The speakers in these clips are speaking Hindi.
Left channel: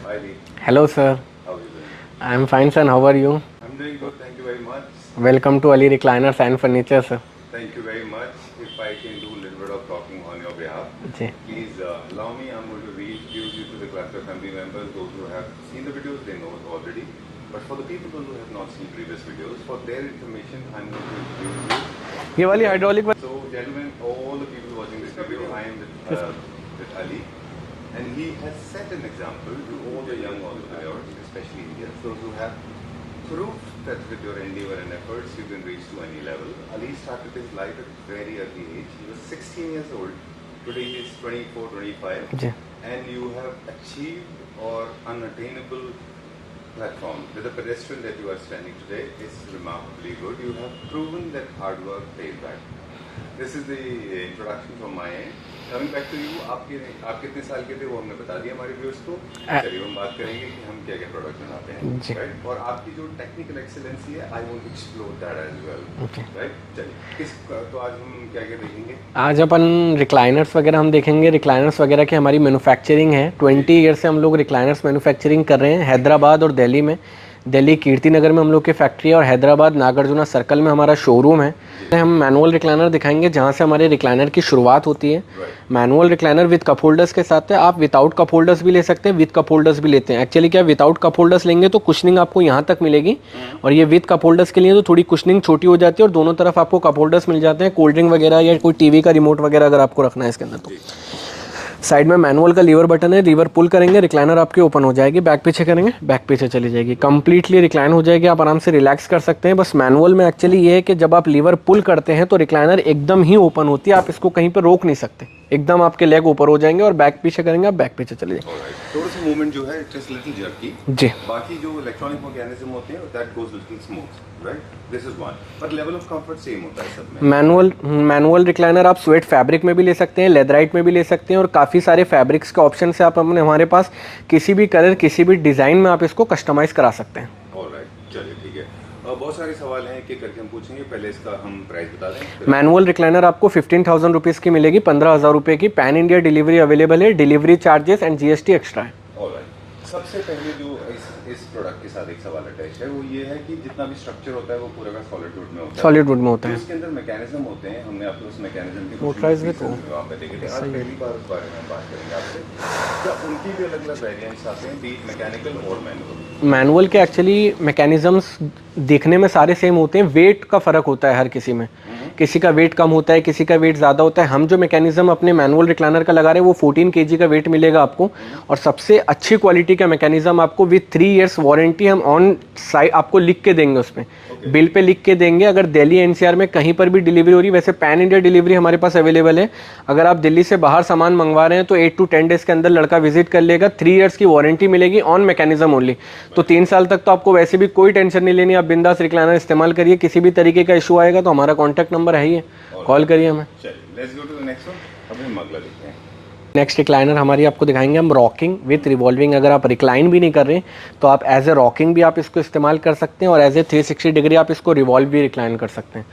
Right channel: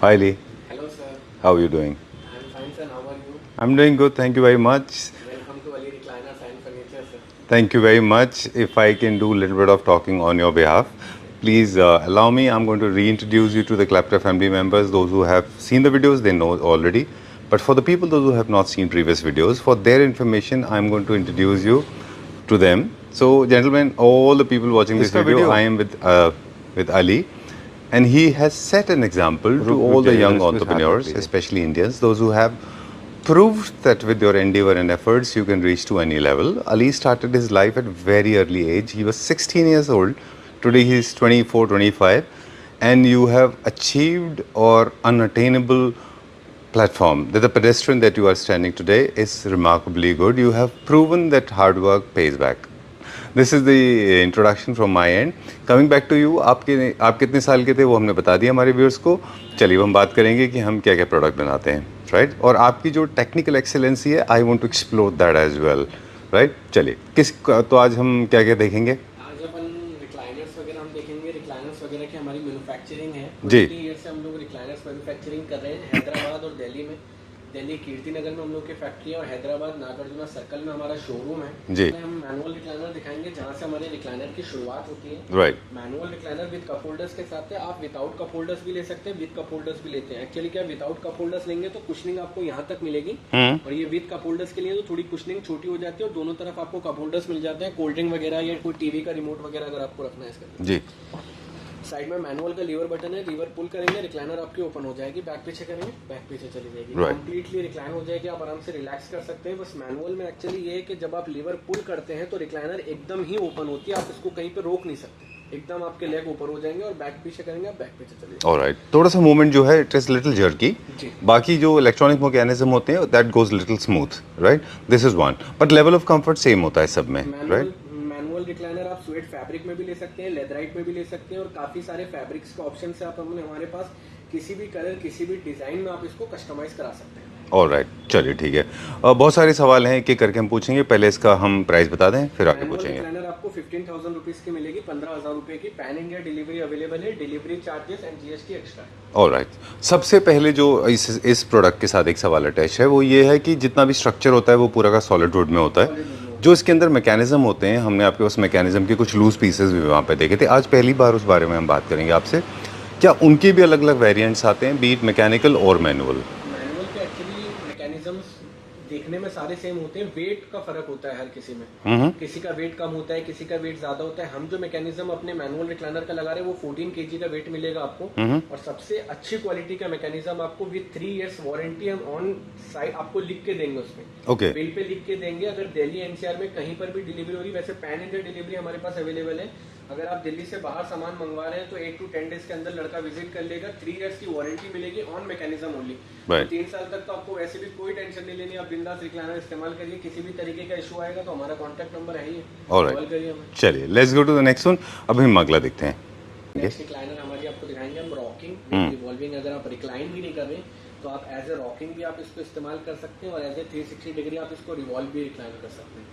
Hi Lee, Hello, sir. how are you doing? I'm fine, sir. How are you? I'm doing good, thank you very much. Welcome to Ali Recliners and Furniture, sir. Thank you very much. If I can do a little bit of talking on your behalf, ji please allow me. I'm going to reintroduce you to the Clapter family members. Those who have seen the videos, they know already. But for the people, those who have not seen previous videos, for their information, I'm going to introduce you ये to वाली them. hydraulic So, gentlemen, all the people watching this video, I am with Ali, and he has set an example to all the young entrepreneurs, especially Indians, those who have proved that with your endeavor and efforts you can reach to any level. Ali started his life at very early age. He was 16 years old. Today he is 24, 25, ji and you have achieved or unattainable platform. That the pedestrian that you are standing today is remarkably good. You have proven that hard work pays back. This is the introduction from my end. Coming back to you, आप कितने साल के थे वो हमने बता दिया हमारे व्यूअर्स को. चलिए हम बात करेंगे कि हम क्या क्या प्रोडक्ट बनाते हैं, राइट? और आपकी जो टेक्निकल एक्सेलेंसी है, I want to explore that as well, right? चलिए तो आज हम क्या क्या देखेंगे? आज अपन रिक्लाइनर्स वगैरह हम देखेंगे. रिक्लाइनर्स वगैरह की हमारी मैन्युफैक्चरिंग है. 20 ईयर से हम लोग रिक्लाइनर्स मैन्युफैक्चरिंग कर रहे हैं हैदराबाद और दिल्ली में. दिल्ली कीर्ति नगर में हम लोग की फैक्ट्री है और हैदराबाद नागार्जुना सर्कल में हमारा शोरूम है. हम मैनुअल रिक्लाइनर दिखाएंगे जहां से हमारे रिक्लाइनर की शुरुआत होती है. Manual recliner with cup holders के साथ है. आप विदाउट कप होल्डर्स भी ले सकते हैं, विद कप होल्डर्स भी लेते हैं. एक्चुअली क्या, विदाउट कप होल्डर्स लेंगे तो कुशनिंग आपको यहाँ तक मिलेगी और ये विद कप होल्डर्स के लिए तो थोड़ी कुशनिंग छोटी हो जाती है और दोनों तरफ आपको कप होल्डर्स मिल जाते हैं. कोल्ड ड्रिंक वगैरह या कोई टीवी का रिमोट वगैरह अगर आपको रखना है इसके अंदर. साइड में मैनुअल का लीवर बटन है. लीवर पुल करेंगे, रिक्लाइनर आपकी ओपन हो जाएगी. बैक पीछे करेंगे, बैक पीछे चली जाएगी. कंप्लीटली रिक्लाइन हो जाएगी. आप आराम से रिलैक्स कर सकते हैं. बस मैनुअल में एक्चुअली ये है कि जब आप लीवर पुल करते हैं तो रिक्लाइनर एकदम ही ओपन होती है. आप इसको कहीं पर रोक नहीं सकते. एकदम आपके लेग ऊपर हो जाएंगे और बैक पीछे करेंगे, आप बैक पीछे चले जाएंगे. ऑलराइट. थोड़ा सा मूवमेंट जो है इट इज लिटिल जर्की. जी. बाकी जो इलेक्ट्रॉनिक मैकेनिज्म होते हैं that goes little smooth, right? This is one. But level of comfort same होता है सब में. मैनुअल रिक्लाइनर आप स्वेट फैब्रिक में भी ले सकते हैं, लेदराइट में भी ले सकते हैं और काफ़ी सारे फैब्रिक्स का ऑप्शन से आप अपने हमारे पास किसी भी कलर किसी भी डिज़ाइन में आप इसको कस्टमाइज़ करा सकते हैं. ऑलराइट, चलिए ठीक है. बहुत सारे सवाल हैं कि करके हम पूछेंगे. पहले इसका हम प्राइस बता दें फिर. मैनुअल रिक्लाइनर आपको 15,000 रुपीज़ की मिलेगी. 15,000 रुपये की. पैन इंडिया डिलीवरी अवेलेबल है. Delivery charges and GST extra है. ऑलराइट. सबसे पहले जो इस प्रोडक्ट के साथ एक सवाल अटैच है वो ये है कि जितना भी स्ट्रक्चर होता है वो पूरा का सॉलिड वुड में होता है. सॉलिड वुड में होता है. जो इसके अंदर मैकेनिज्म होते हैं, हमने आपके उस मैकेनिज्म के कुछ लूज पीसेस भी वहाँ पे देखे थे. आज पहली बार उस बारे में हम बात करेंगे आपसे. क्या उनके भी अलग अलग वेरिएंट्स आते हैं, बीट मैकेनिकल और मैनुअल? मैनुअल के एक्चुअली मैकेनिज्म्स देखने में सारे सेम होते हैं. वेट का फर्क होता है हर किसी में. किसी का वेट कम होता है, किसी का वेट ज़्यादा होता है. हम जो मैकेनिज्म अपने मैनुअल रिक्लाइनर का लगा रहे हैं वो 14 kg का वेट मिलेगा आपको. और सबसे अच्छी क्वालिटी का मैकेनिज्म आपको विद 3 years वारंटी हम ऑन साइट आपको लिख के देंगे. उसमें बिल पे लिख के देंगे. अगर दिल्ली एनसीआर में कहीं पर भी डिलीवरी हो रही है, वैसे पैन इंडिया डिलीवरी हमारे पास अवेलेबल है. अगर आप दिल्ली से बाहर सामान मंगवा रहे हैं तो 8 to 10 days के अंदर लड़का विजिट कर लेगा. 3 years की वारंटी मिलेगी ऑन मैकेनिज्म ओनली. तो 3 साल तक तो आपको वैसे भी कोई टेंशन नहीं लेनी. आप बिंदास रिक्लाइनर इस्तेमाल करिए. किसी भी तरीके का इशू आएगा तो हमारा कॉन्टैक्ट नंबर है ही, कॉल करिए हमें. चलिए let's go to the next one. अभी हम अगला देखते हैं. नेक्स्ट रिक्लाइनर हमारी आपको दिखाएंगे हम रॉकिंग विद रिवॉल्विंग. अगर आप रिक्लाइन भी नहीं कर रहे तो आप एज ए रॉकिंग भी आप इसको इस्तेमाल कर सकते हैं और एज ए 360 डिग्री आप इसको रिवॉल्व भी रिक्लाइन कर सकते हैं.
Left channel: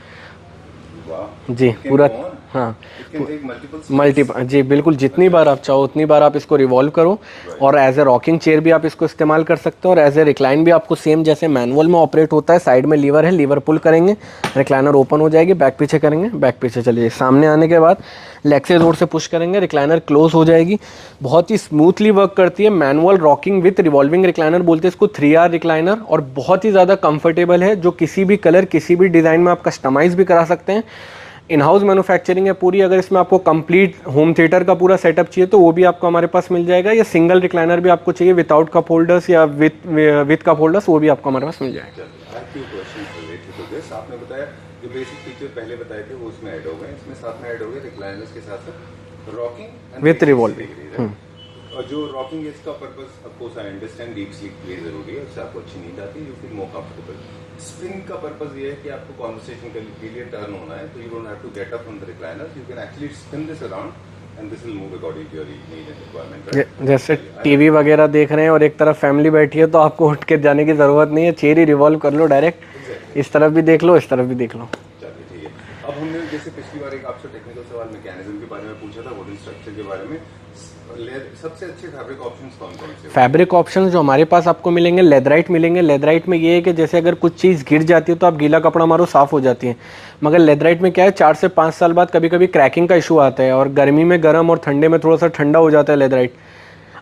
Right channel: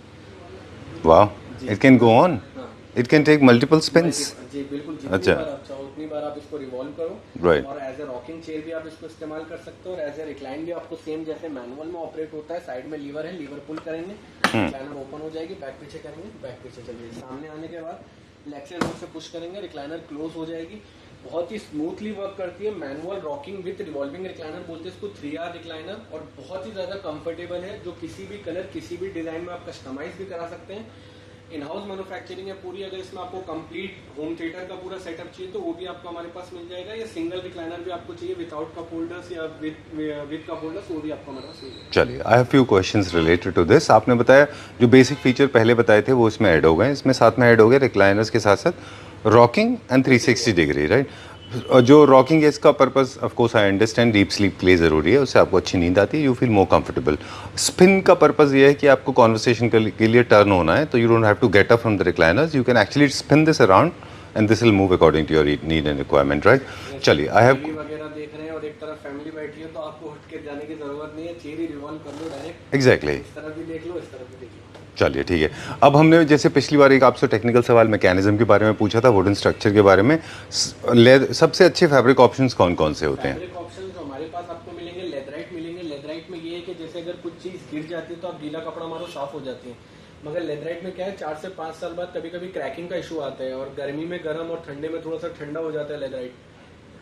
वाह जी. It can go on. हाँ, it can take multiple spins. जी बिल्कुल. जितनी बार आप चाहो उतनी बार आप इसको रिवॉल्व करो. और एज ए रॉकिंग चेयर भी आप इसको इस्तेमाल कर सकते हो और एज ए रिक्लाइन भी आपको सेम जैसे मैनुअल में ऑपरेट होता है. साइड में लीवर है, लीवर पुल करेंगे, रिक्लाइनर ओपन हो जाएगी. बैक पीछे करेंगे, बैक पीछे चलिए. सामने आने के बाद लेग से जोर से पुश करेंगे, रिक्लाइनर क्लोज हो जाएगी. बहुत ही स्मूथली वर्क करती है. Manual rocking with revolving recliner बोलते हैं इसको. 3R रिक्लाइनर और बहुत ही ज़्यादा कंफर्टेबल है. जो किसी भी कलर किसी भी डिज़ाइन में आप कस्टमाइज भी करा सकते हैं. इन हाउस मैन्युफैक्चरिंग है पूरी. अगर इसमें आपको कंप्लीट होम थिएटर का पूरा सेटअप चाहिए तो वो भी आपको हमारे पास मिल जाएगा. या सिंगल रिक्लाइनर भी आपको चाहिए विदाउट कप होल्डर्स या विद कप होल्डर्स, वो भी आपको हमारे पास मिल जाएगा. चलिए, I have few questions related to this. आपने बताया जो बेसिक फीचर पहले बताए थे वो इसमें ऐड हो गए. इसमें साथ में ऐड हो गए रिक्लाइनर्स के साथ साथ रॉकिंग एंड 360 डिग्री, राइट? जो रॉकिंग है इसका purpose of course I understand deep sleep के लिए ज़रूरी है. उससे आपको अच्छी नींद आती है, you feel more comfortable. Spin का पर्पस ये है कि आपको कॉन्वर्सेशन के लिए टर्न होना है तो you don't have to get up from the recliners. You can actually spin this around and this will move according to your need and requirement, right? जैसे चलिए, टीवी वगैरह देख रहे हैं और एक तरफ फैमिली बैठी है तो आपको उठ के जाने की ज़रूरत नहीं है, चेयर ही रिवॉल्व कर लो डायरेक्ट, एग्जैक्टली, इस तरफ भी देख लो इस तरफ भी देख लो। चलिए ठीक है। अब हमने जैसे पिछली बार एक आपसे टेक्निकल सवाल मैकेनिज्म के बारे में पूछा था, वुडन स्ट्रक्चर के बारे में, सबसे अच्छे फैब्रिक ऑप्शंस कौन कौन से होते हैं? फैब्रिक ऑप्शंस जो हमारे पास आपको मिलेंगे, लेदराइट मिलेंगे। लेदराइट में ये है कि जैसे अगर कुछ चीज़ गिर जाती है तो आप गीला कपड़ा मारो साफ़ हो जाती है, मगर लेदराइट में क्या है 4 से 5 साल बाद कभी कभी क्रैकिंग का इशू आता है और गर्मी में गर्म और ठंडे में थोड़ा सा ठंडा हो जाता है लेदराइट।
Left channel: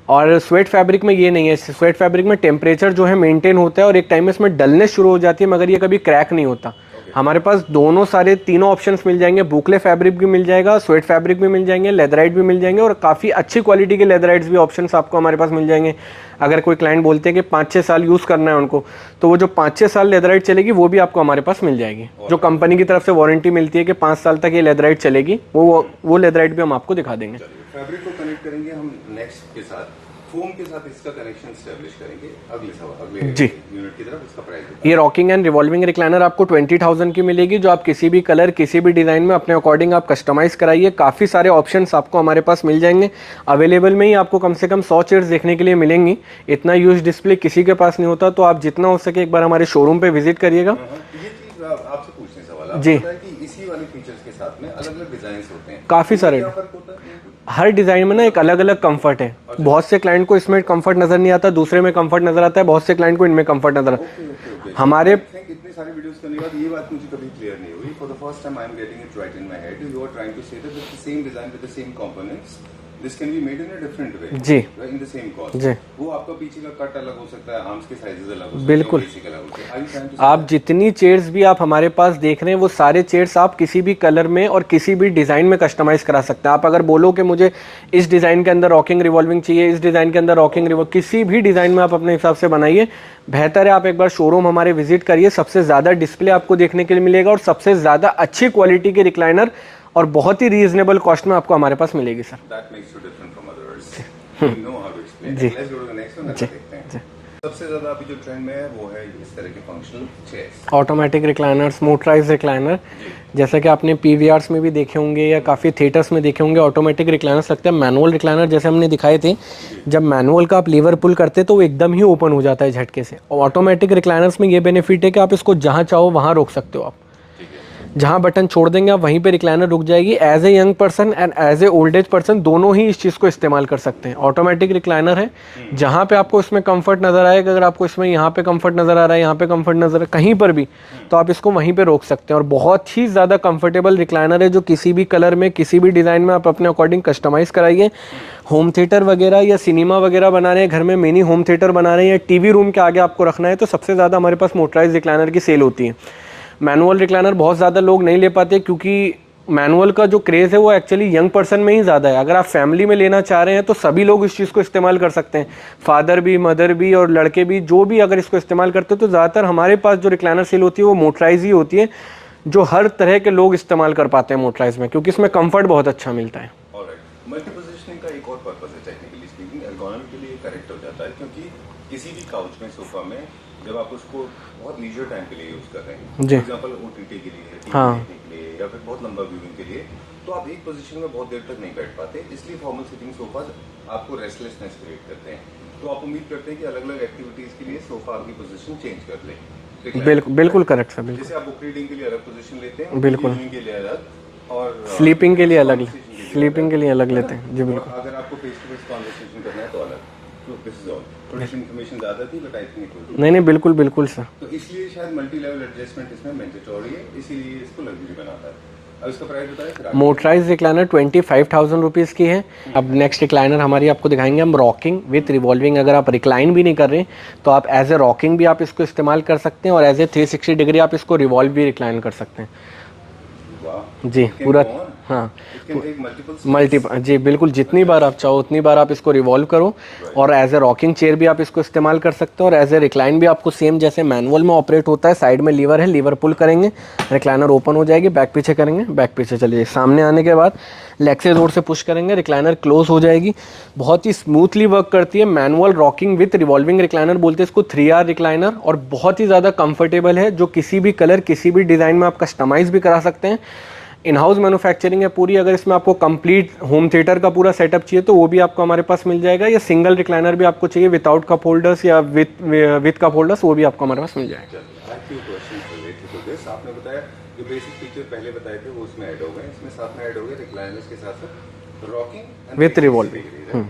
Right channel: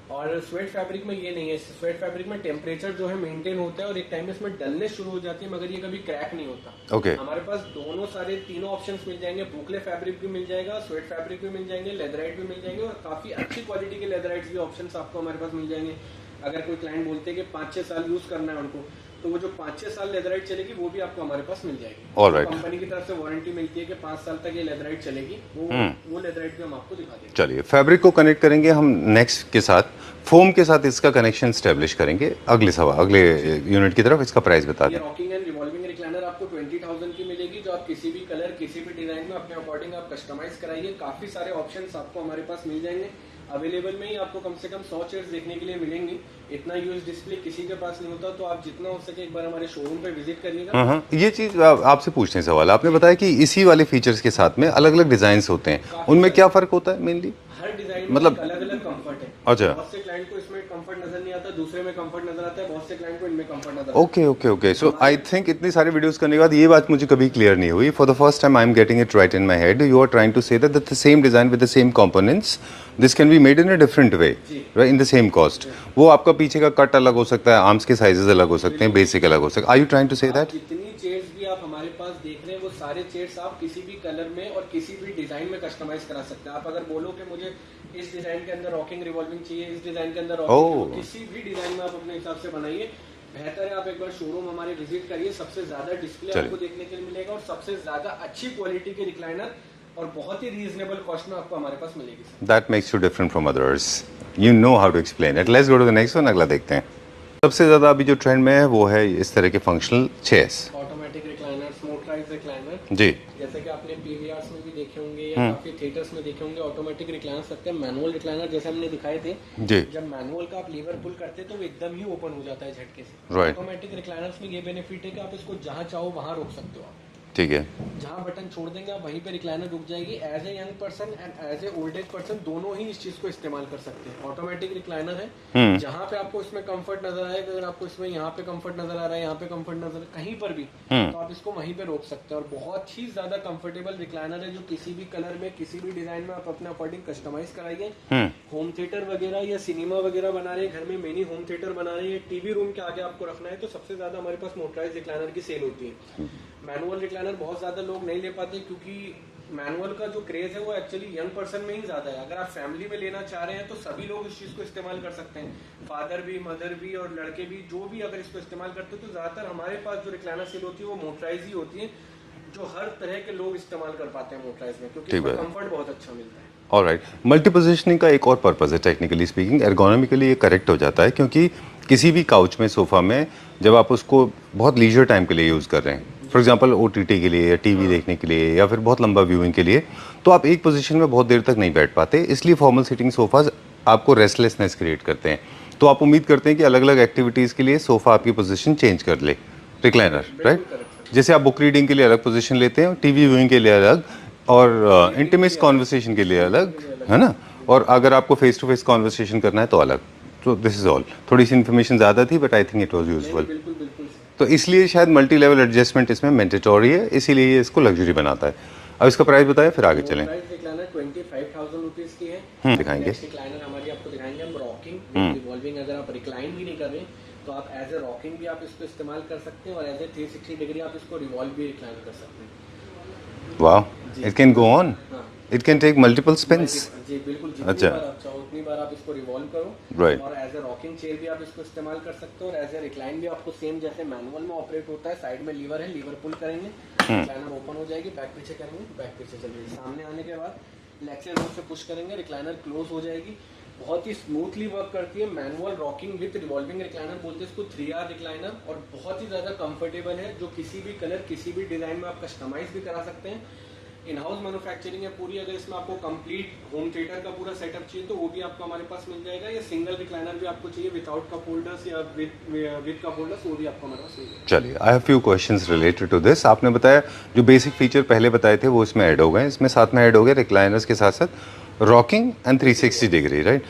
और स्वेट फैब्रिक में ये नहीं है, स्वेट फैब्रिक में टेम्परेचर जो है मेंटेन होता है और एक टाइम में इसमें डलनेस शुरू हो जाती है, मगर ये कभी क्रैक नहीं होता। हमारे पास दोनों सारे तीनों ऑप्शंस मिल जाएंगे, बुकले फैब्रिक भी मिल जाएगा, स्वेट फैब्रिक भी मिल जाएंगे, लेदराइट भी मिल जाएंगे और काफ़ी अच्छी क्वालिटी के लेदराइट्स भी ऑप्शंस आपको हमारे पास मिल जाएंगे। अगर कोई क्लाइंट बोलते हैं कि 5-6 साल यूज़ करना है उनको, तो वो जो 5-6 साल लेदराइट चलेगी वो भी आपको हमारे पास मिल जाएगी। जो कंपनी की तरफ से वारंटी मिलती है कि 5 साल तक ये लेदराइट चलेगी, वो लेदराइट भी हम आपको दिखा देंगे। चलिए, फैब्रिक को कनेक्ट करेंगे हम नेक्स्ट के साथ, फोम के साथ इसका कनेक्शन स्टैब्लिश करेंगे। अगले यूनिट की तरफ इसका प्राइस बता। ये रॉकिंग एंड रिवॉल्विंग रिक्लाइनर आपको 20,000 की मिलेगी, जो आप किसी भी कलर किसी भी डिजाइन में अपने अकॉर्डिंग आप कस्टमाइज कराइए। काफी सारे ऑप्शंस आपको हमारे पास मिल जाएंगे। अवेलेबल में ही आपको कम से कम 100 चेयर्स देखने के लिए मिलेंगी। इतना यूज डिस्प्ले किसी के पास नहीं होता, तो आप जितना हो सके एक बार हमारे शोरूम पे विजिट करिएगा। ये चीज आपसे पूछने सवाल, आपने बताया कि इसी वाले फीचर्स के साथ में अलग अलग डिजाइन होते हैं, काफी सारे। क्या फर्क होता है? मेनली हर डिजाइन में ना एक अलग अलग कंफर्ट है। बहुत से क्लाइंट को इसमें कंफर्ट नजर नहीं आता, दूसरे में कंफर्ट नजर आता है, बहुत से क्लाइंट को इनमें कंफर्ट नजर आता है। ओके हमारे आई थिंक इतनी सारी वीडियोस करने के बाद ये बात मुझे कभी क्लियर नहीं हुई। For the first time I am getting it right in my head. You are trying to say that the same design with the same components, this can be made in a different way in the same cost. वो आपका पीछे का कट अलग हो सकता है, आर्म्स के साइजेस अलग हो सकते हैं, बेसिक अलग हो सकता है। आर यू ट्राइंग टू से आप जितनी चेयर्स भी आप हमारे पास देख रहे हैं, वो सारे चेयर्स आप किसी भी कलर में और किसी भी डिजाइन में कस्टमाइज करा सकते हैं। आप अगर बोलो कि मुझे इस डिजाइन के अंदर रॉकिंग रिवॉल्विंग चाहिए, इस डिजाइन के अंदर रॉकिंग रिवॉल्विंग, किसी भी डिजाइन में आप अपने हिसाब से बनाइए। बेहतर है आप एक बार शोरूम हमारे विजिट करिए, सबसे ज्यादा डिस्प्ले आपको देखने के लिए मिलेगा और सबसे ज्यादा अच्छी क्वालिटी के रिक्लाइनर और बहुत ही रीजनेबल कॉस्ट में आपको हमारे पास मिलेगी sir. That makes you different from others, you know how to explain it. Let's go to the next one, अगला देखते हैं। सबसे ज्यादा अभी जो ट्रेंड में है वो है इस तरह के functional chairs, automatic recliners, motorise recliner. जी, जैसा कि आपने पीवीआर्स में भी देखे होंगे या काफी थिएटर्स में देखे होंगे, ऑटोमेटिक रिक्लाइनर्स लगते हैं। मैनुअल रिक्लाइनर जैसे हमने दिखाए थे, जब मैनुअल का आप लीवर पुल करते तो वो एकदम ही ओपन हो जाता है झटके से। और ऑटोमेटिक रिक्लाइनर्स में ये बेनिफिट है कि आप इसको जहां चाहो वहां रोक सकते हो। आप ठीक है, जहां बटन छोड़ देंगे आप वहीं पे रिक्लाइनर रुक जाएगी। As a young person and as a old age person दोनों ही इस चीज को इस्तेमाल कर सकते हैं। ऑटोमेटिक रिक्लाइनर है, जहां पे आपको इसमें कंफर्ट नजर आएगा, अगर आपको इसमें यहाँ पे कंफर्ट नजर आ रहा है, यहाँ पे कंफर्ट नजर है, कहीं पर भी, तो आप इसको वहीं पे रोक सकते हैं। और बहुत ही ज्यादा कंफर्टेबल रिक्लाइनर है, जो किसी भी कलर में किसी भी डिजाइन में आप अपने अकॉर्डिंग कस्टमाइज कराइए। होम थिएटर वगैरह या सिनेमा वगैरह बना रहे हैं, घर में मिनी होम थिएटर बना रहे हैं, टीवी रूम के आगे आपको रखना है, तो सबसे ज्यादा हमारे पास मोटराइज रिक्लाइनर की सेल होती है। मैनुअल रिक्लाइनर बहुत ज़्यादा लोग नहीं ले पाते, क्योंकि मैनुअल का जो क्रेज़ है वो एक्चुअली यंग पर्सन में ही ज़्यादा है। अगर आप फैमिली में लेना चाह रहे हैं तो सभी लोग इस चीज़ को इस्तेमाल कर सकते हैं, फादर भी, मदर भी और लड़के भी, जो भी अगर इसको इस्तेमाल करते हैं। तो ज़्यादातर हमारे पास जो रिक्लाइनर सेल होती है वो मोटराइज ही होती है, जो हर तरह के लोग इस्तेमाल कर पाते हैं मोटराइज में, क्योंकि इसमें कंफर्ट बहुत अच्छा मिलता है। ऑलराइट, मल्टी पोजीशनिंग का एक और पर्पस है, टेक्निकली स्पीकिंग एर्गोनॉमिकली ये करेक्ट हो जाता है, क्योंकि किसी भी काउच में, सोफा में, जब आप उसको बहुत लीजर टाइम के लिए यूज़ कर रहे हैं, फॉर एग्जांपल ओटीटी के लिए या टीवी देखने के लिए या फिर बहुत लंबा व्यूइंग के लिए, तो आप एक पोजीशन में बहुत देर तक नहीं बैठ पाते। इसलिए फॉर्मल सीटिंग सोफाज आपको रेस्टलेसनेस क्रिएट करते हैं। तो आप उम्मीद करते हैं कि अलग अलग एक्टिविटीज़ के लिए सोफा आपकी पोजीशन चेंज कर ले। बिल्कुल करेक्ट सर। जैसे आप बुक रीडिंग के लिए अलग पोजीशन लेते हैं, टीवी व्यूइंग के लिए अलग, और स्लीपिंग के लिए कॉन्वर्सेशन के लिए अलग, है ना? और अगर आपको फेस टू फेस कॉन्वर्सेशन करना है तो अलग। तो दिस इज ऑल। थोड़ी सी इन्फॉर्मेशन ज़्यादा थी, but I think it was useful. नहीं बिल्कुल सर। तो इसलिए शायद मल्टी लेवल एडजस्टमेंट इसमें मैंडेटरी है, इसीलिए ये इसको लग्जरी बनाता है। अब इसका प्राइस बताएं, फिर आगे मोटराइज रिक्लाइनर 25,000 रुपीज़ की है। अब नेक्स्ट रिक्लाइनर हमारी आपको दिखाएंगे हम, रॉकिंग विथ रिवॉल्विंग। अगर आप रिक्लाइन भी नहीं कर रहे तो आप एज ए रॉकिंग भी आप इसको इस्तेमाल कर सकते हैं, और एज ए 360 डिग्री आप इसको रिवॉल्व भी रिक्लाइन कर सकते हैं। वाह जी, इट कैन गो ऑन, हाँ, it can take multiple spins. जी बिल्कुल, जितनी बार आप चाहो उतनी बार आप इसको रिवॉल्व करो। और एज ए रॉकिंग चेयर भी आप इसको इस्तेमाल कर सकते हो, और एज ए रिक्लाइन भी आपको सेम जैसे मैनुअल में ऑपरेट होता है। साइड में लीवर है, लीवर पुल करेंगे, रिक्लाइनर ओपन हो जाएगी, बैक पीछे करेंगे, बैक पीछे चलिए, सामने आने के बाद लेग से जोर से पुश करेंगे, रिक्लाइनर क्लोज हो जाएगी। बहुत ही स्मूथली वर्क करती है। Manual rocking with revolving recliner बोलते हैं इसको, 3R रिक्लाइनर, और बहुत ही ज़्यादा कंफर्टेबल है, जो किसी भी कलर किसी भी डिज़ाइन में आप कस्टमाइज भी करा सकते हैं। इन हाउस मैन्युफैक्चरिंग है पूरी। अगर इसमें आपको कंप्लीट होम थिएटर का पूरा सेटअप चाहिए तो वो भी आपको हमारे पास मिल जाएगा, या सिंगल रिक्लाइनर भी आपको चाहिए विदाउट कप होल्डर्स या विद कप होल्डर्स, वो भी आपको हमारे पास मिल जाएगा। चलिए, I have few questions related to this. आपने बताया जो बेसिक फीचर पहले बताए थे वो इसमें ऐड हो गए, इसमें साथ में ऐड हो गए रिक्लाइनर्स के साथ साथ रॉकिंग एंड 360 डिग्री, राइट?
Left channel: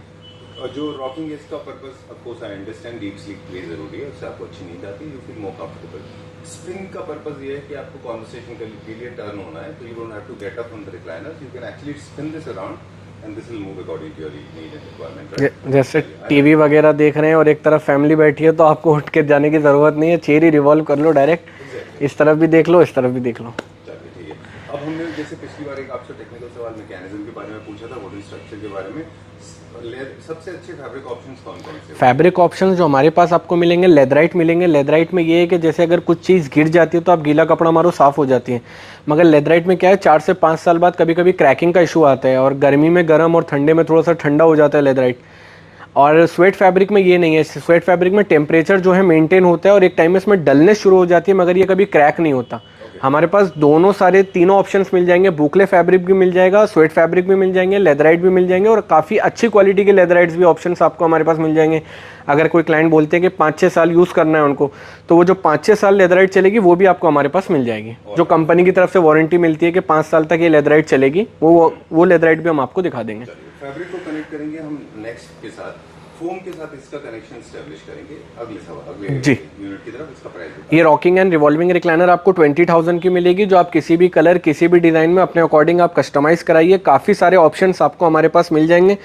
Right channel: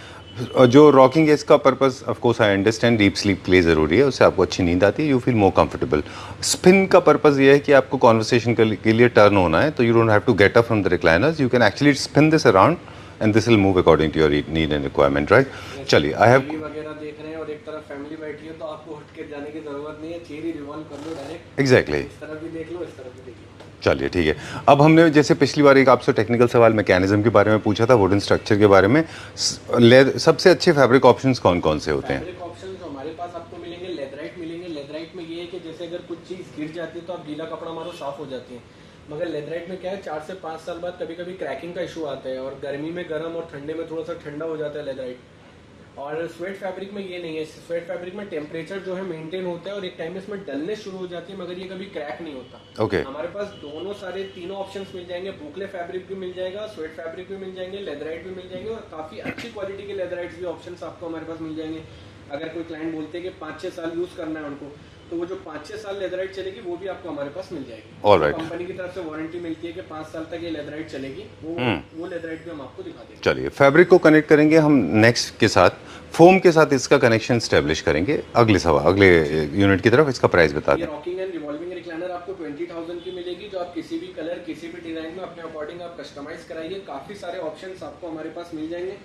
जो रॉकिंग है इसका purpose of course I understand, deep sleep के लिए ज़रूरी है, उससे आपको अच्छी नींद आती है, you feel more comfortable. Spin का पर्पस ये है कि आपको कॉन्वर्सेशन के लिए टर्न होना है, तो you don't have to get up from the recliners, you can actually spin this around and this will move according to your need and requirement, right? चलिए, टीवी वगैरह देख रहे हैं और एक तरफ फैमिली बैठी है तो आपको उठ के जाने की जरूरत नहीं है, चेयर ही रिवॉल्व कर लो डायरेक्ट। एग्जैक्टली, इस तरफ भी देख लो, इस तरफ भी देख लो। चलिए ठीक है। अब हमने जैसे पिछली बार एक आपसे टेक्निकल सवाल मैकेनिज्म के बारे में पूछा था, वुडन स्ट्रक्चर के बारे में, सबसे अच्छे फैब्रिक ऑप्शंस कौन कौन से होते हैं? फैब्रिक ऑप्शंस जो हमारे पास आपको मिलेंगे, लेदराइट मिलेंगे। लेदराइट में ये है कि जैसे अगर कुछ चीज़ गिर जाती है तो आप गीला कपड़ा मारो साफ हो जाती है, मगर लेदराइट में क्या है 4 से 5 साल बाद कभी कभी क्रैकिंग का इशू आता है, और गर्मी में गर्म और ठंडे में थोड़ा सा ठंडा हो जाता है लेदराइट। और स्वेट फैब्रिक में ये नहीं है, स्वेट फैब्रिक में टेम्परेचर जो है मेंटेन होता है और एक टाइम में इसमें डलनेस शुरू हो जाती है, मगर ये कभी क्रैक नहीं होता। हमारे पास दोनों सारे तीनों ऑप्शंस मिल जाएंगे, बुकले फैब्रिक भी मिल जाएगा, स्वेट फैब्रिक भी मिल जाएंगे, लेदराइट भी मिल जाएंगे, और काफ़ी अच्छी क्वालिटी के लेदराइट्स भी ऑप्शंस आपको हमारे पास मिल जाएंगे। अगर कोई क्लाइंट बोलते हैं कि 5-6 साल यूज़ करना है उनको, तो वो जो 5-6 साल लेदराइट चलेगी वो भी आपको हमारे पास मिल जाएगी। जो कंपनी की तरफ से वारंटी मिलती है कि 5 साल तक ये लेदराइट चलेगी, वो लेदराइट भी हम आपको दिखा देंगे। चलिए, फैब्रिक को कनेक्ट करेंगे हम नेक्स्ट के साथ, फोम के साथ इसका कनेक्शन स्टैब्लिश करेंगे। अगले यूनिट की तरफ इसका प्राइस बता। ये रॉकिंग एंड रिवॉल्विंग रिक्लाइनर आपको 20,000 की मिलेगी, जो आप किसी भी कलर किसी भी डिज़ाइन में अपने अकॉर्डिंग आप कस्टमाइज कराइए। काफ़ी सारे ऑप्शंस आपको हमारे पास मिल जाएंगे।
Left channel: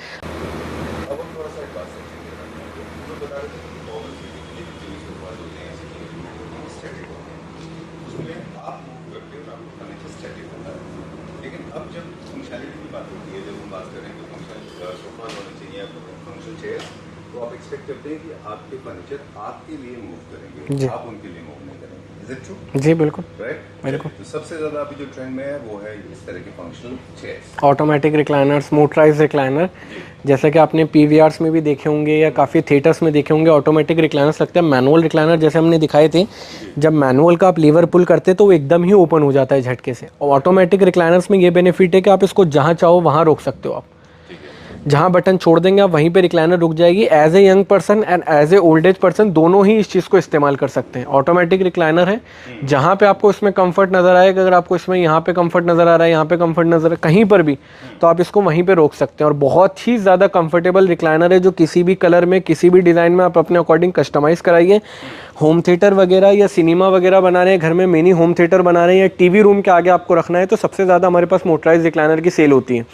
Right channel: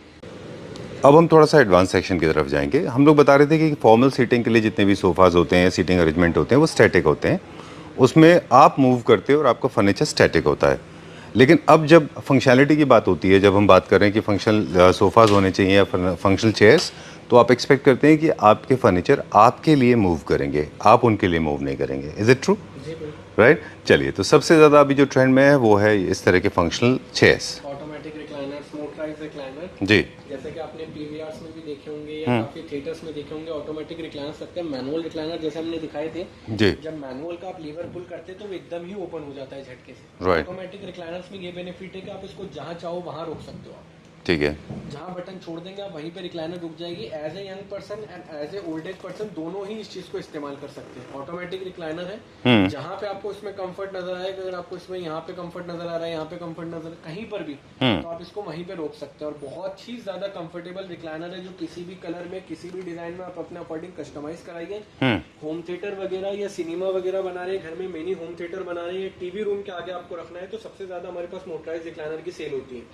अब हम थोड़ा सा एडवांस सेक्शन की तरफ जाएंगे। हम लोग बता रहे थे कि फॉर्मल सीटिंग के लिए जितने भी सोफाज होते हैं, सीटिंग अरेंजमेंट होते हैं, वो स्टैटिक होते हैं, उसमें आप मूव करते हो और आपका फर्नीचर स्टैटिक होता है। लेकिन अब जब फंक्शनैलिटी की बात होती है, जब हम बात कर रहे हैं कि फंक्शनल सोफाज होने चाहिए या फंक्शनल चेयर्स, तो आप एक्सपेक्ट करते हैं कि आपके फर्नीचर आपके लिए मूव करेंगे, आप उनके लिए मूव नहीं करेंगे। Is it true? जी बिल्कुल, राइट। चलिए, तो सबसे ज़्यादा अभी जो ट्रेंड में है वो है इस तरह के functional chairs, automatic recliners, motorise recliner. जी, जैसे कि आपने पीवीआर्स में भी देखे होंगे या काफ़ी थिएटर्स में देखे होंगे, ऑटोमेटिक रिक्लाइनर्स लगते हैं। मैनुअल रिक्लाइनर जैसे हमने दिखाए थे, जब मैनुअल का आप लीवर पुल करते तो वो एकदम ही ओपन हो जाता है झटके से। और ऑटोमेटिक रिक्लाइनर्स में ये बेनिफिट है कि आप इसको जहाँ चाहो वहाँ रोक सकते हो आप। ठीक है, जहां बटन छोड़ देंगे आप वहीं पे रिक्लाइनर रुक जाएगी। As a young person and as a old age person दोनों ही इस चीज को इस्तेमाल कर सकते हैं। ऑटोमेटिक रिक्लाइनर है, जहां पे आपको इसमें कंफर्ट नजर आएगा, अगर आपको इसमें यहाँ पे कंफर्ट नजर आ रहा है, यहाँ पे कंफर्ट नजर कहीं पर भी, तो आप इसको वहीं पे रोक सकते हैं। और बहुत ही ज्यादा कंफर्टेबल रिक्लाइनर है, जो किसी भी कलर में किसी भी डिजाइन में आप अपने अकॉर्डिंग कस्टमाइज कराइए। होम थिएटर वगैरह या सिनेमा वगैरह बना रहे हैं, घर में मिनी होम थिएटर बना रहे हैं, या टीवी रूम के आगे आपको रखना है, तो सबसे ज्यादा हमारे पास मोटराइज रिक्लाइनर की सेल होती है।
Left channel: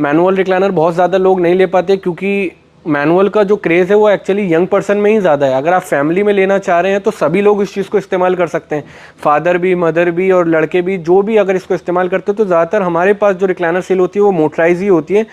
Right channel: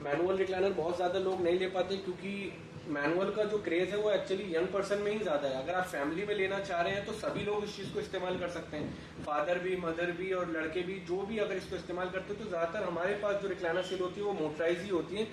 मैनुअल रिक्लाइनर बहुत ज़्यादा लोग नहीं ले पाते, क्योंकि मैनुअल का जो क्रेज़ है वो एक्चुअली यंग पर्सन में ही ज़्यादा है। अगर आप फैमिली में लेना चाह रहे हैं तो सभी लोग इस चीज़ को इस्तेमाल कर सकते हैं, फादर भी, मदर भी और लड़के भी, जो भी अगर इसको इस्तेमाल करते हैं। तो ज़्यादातर हमारे पास जो रिक्लाइनर सेल होती है वो मोटराइज ही होती है,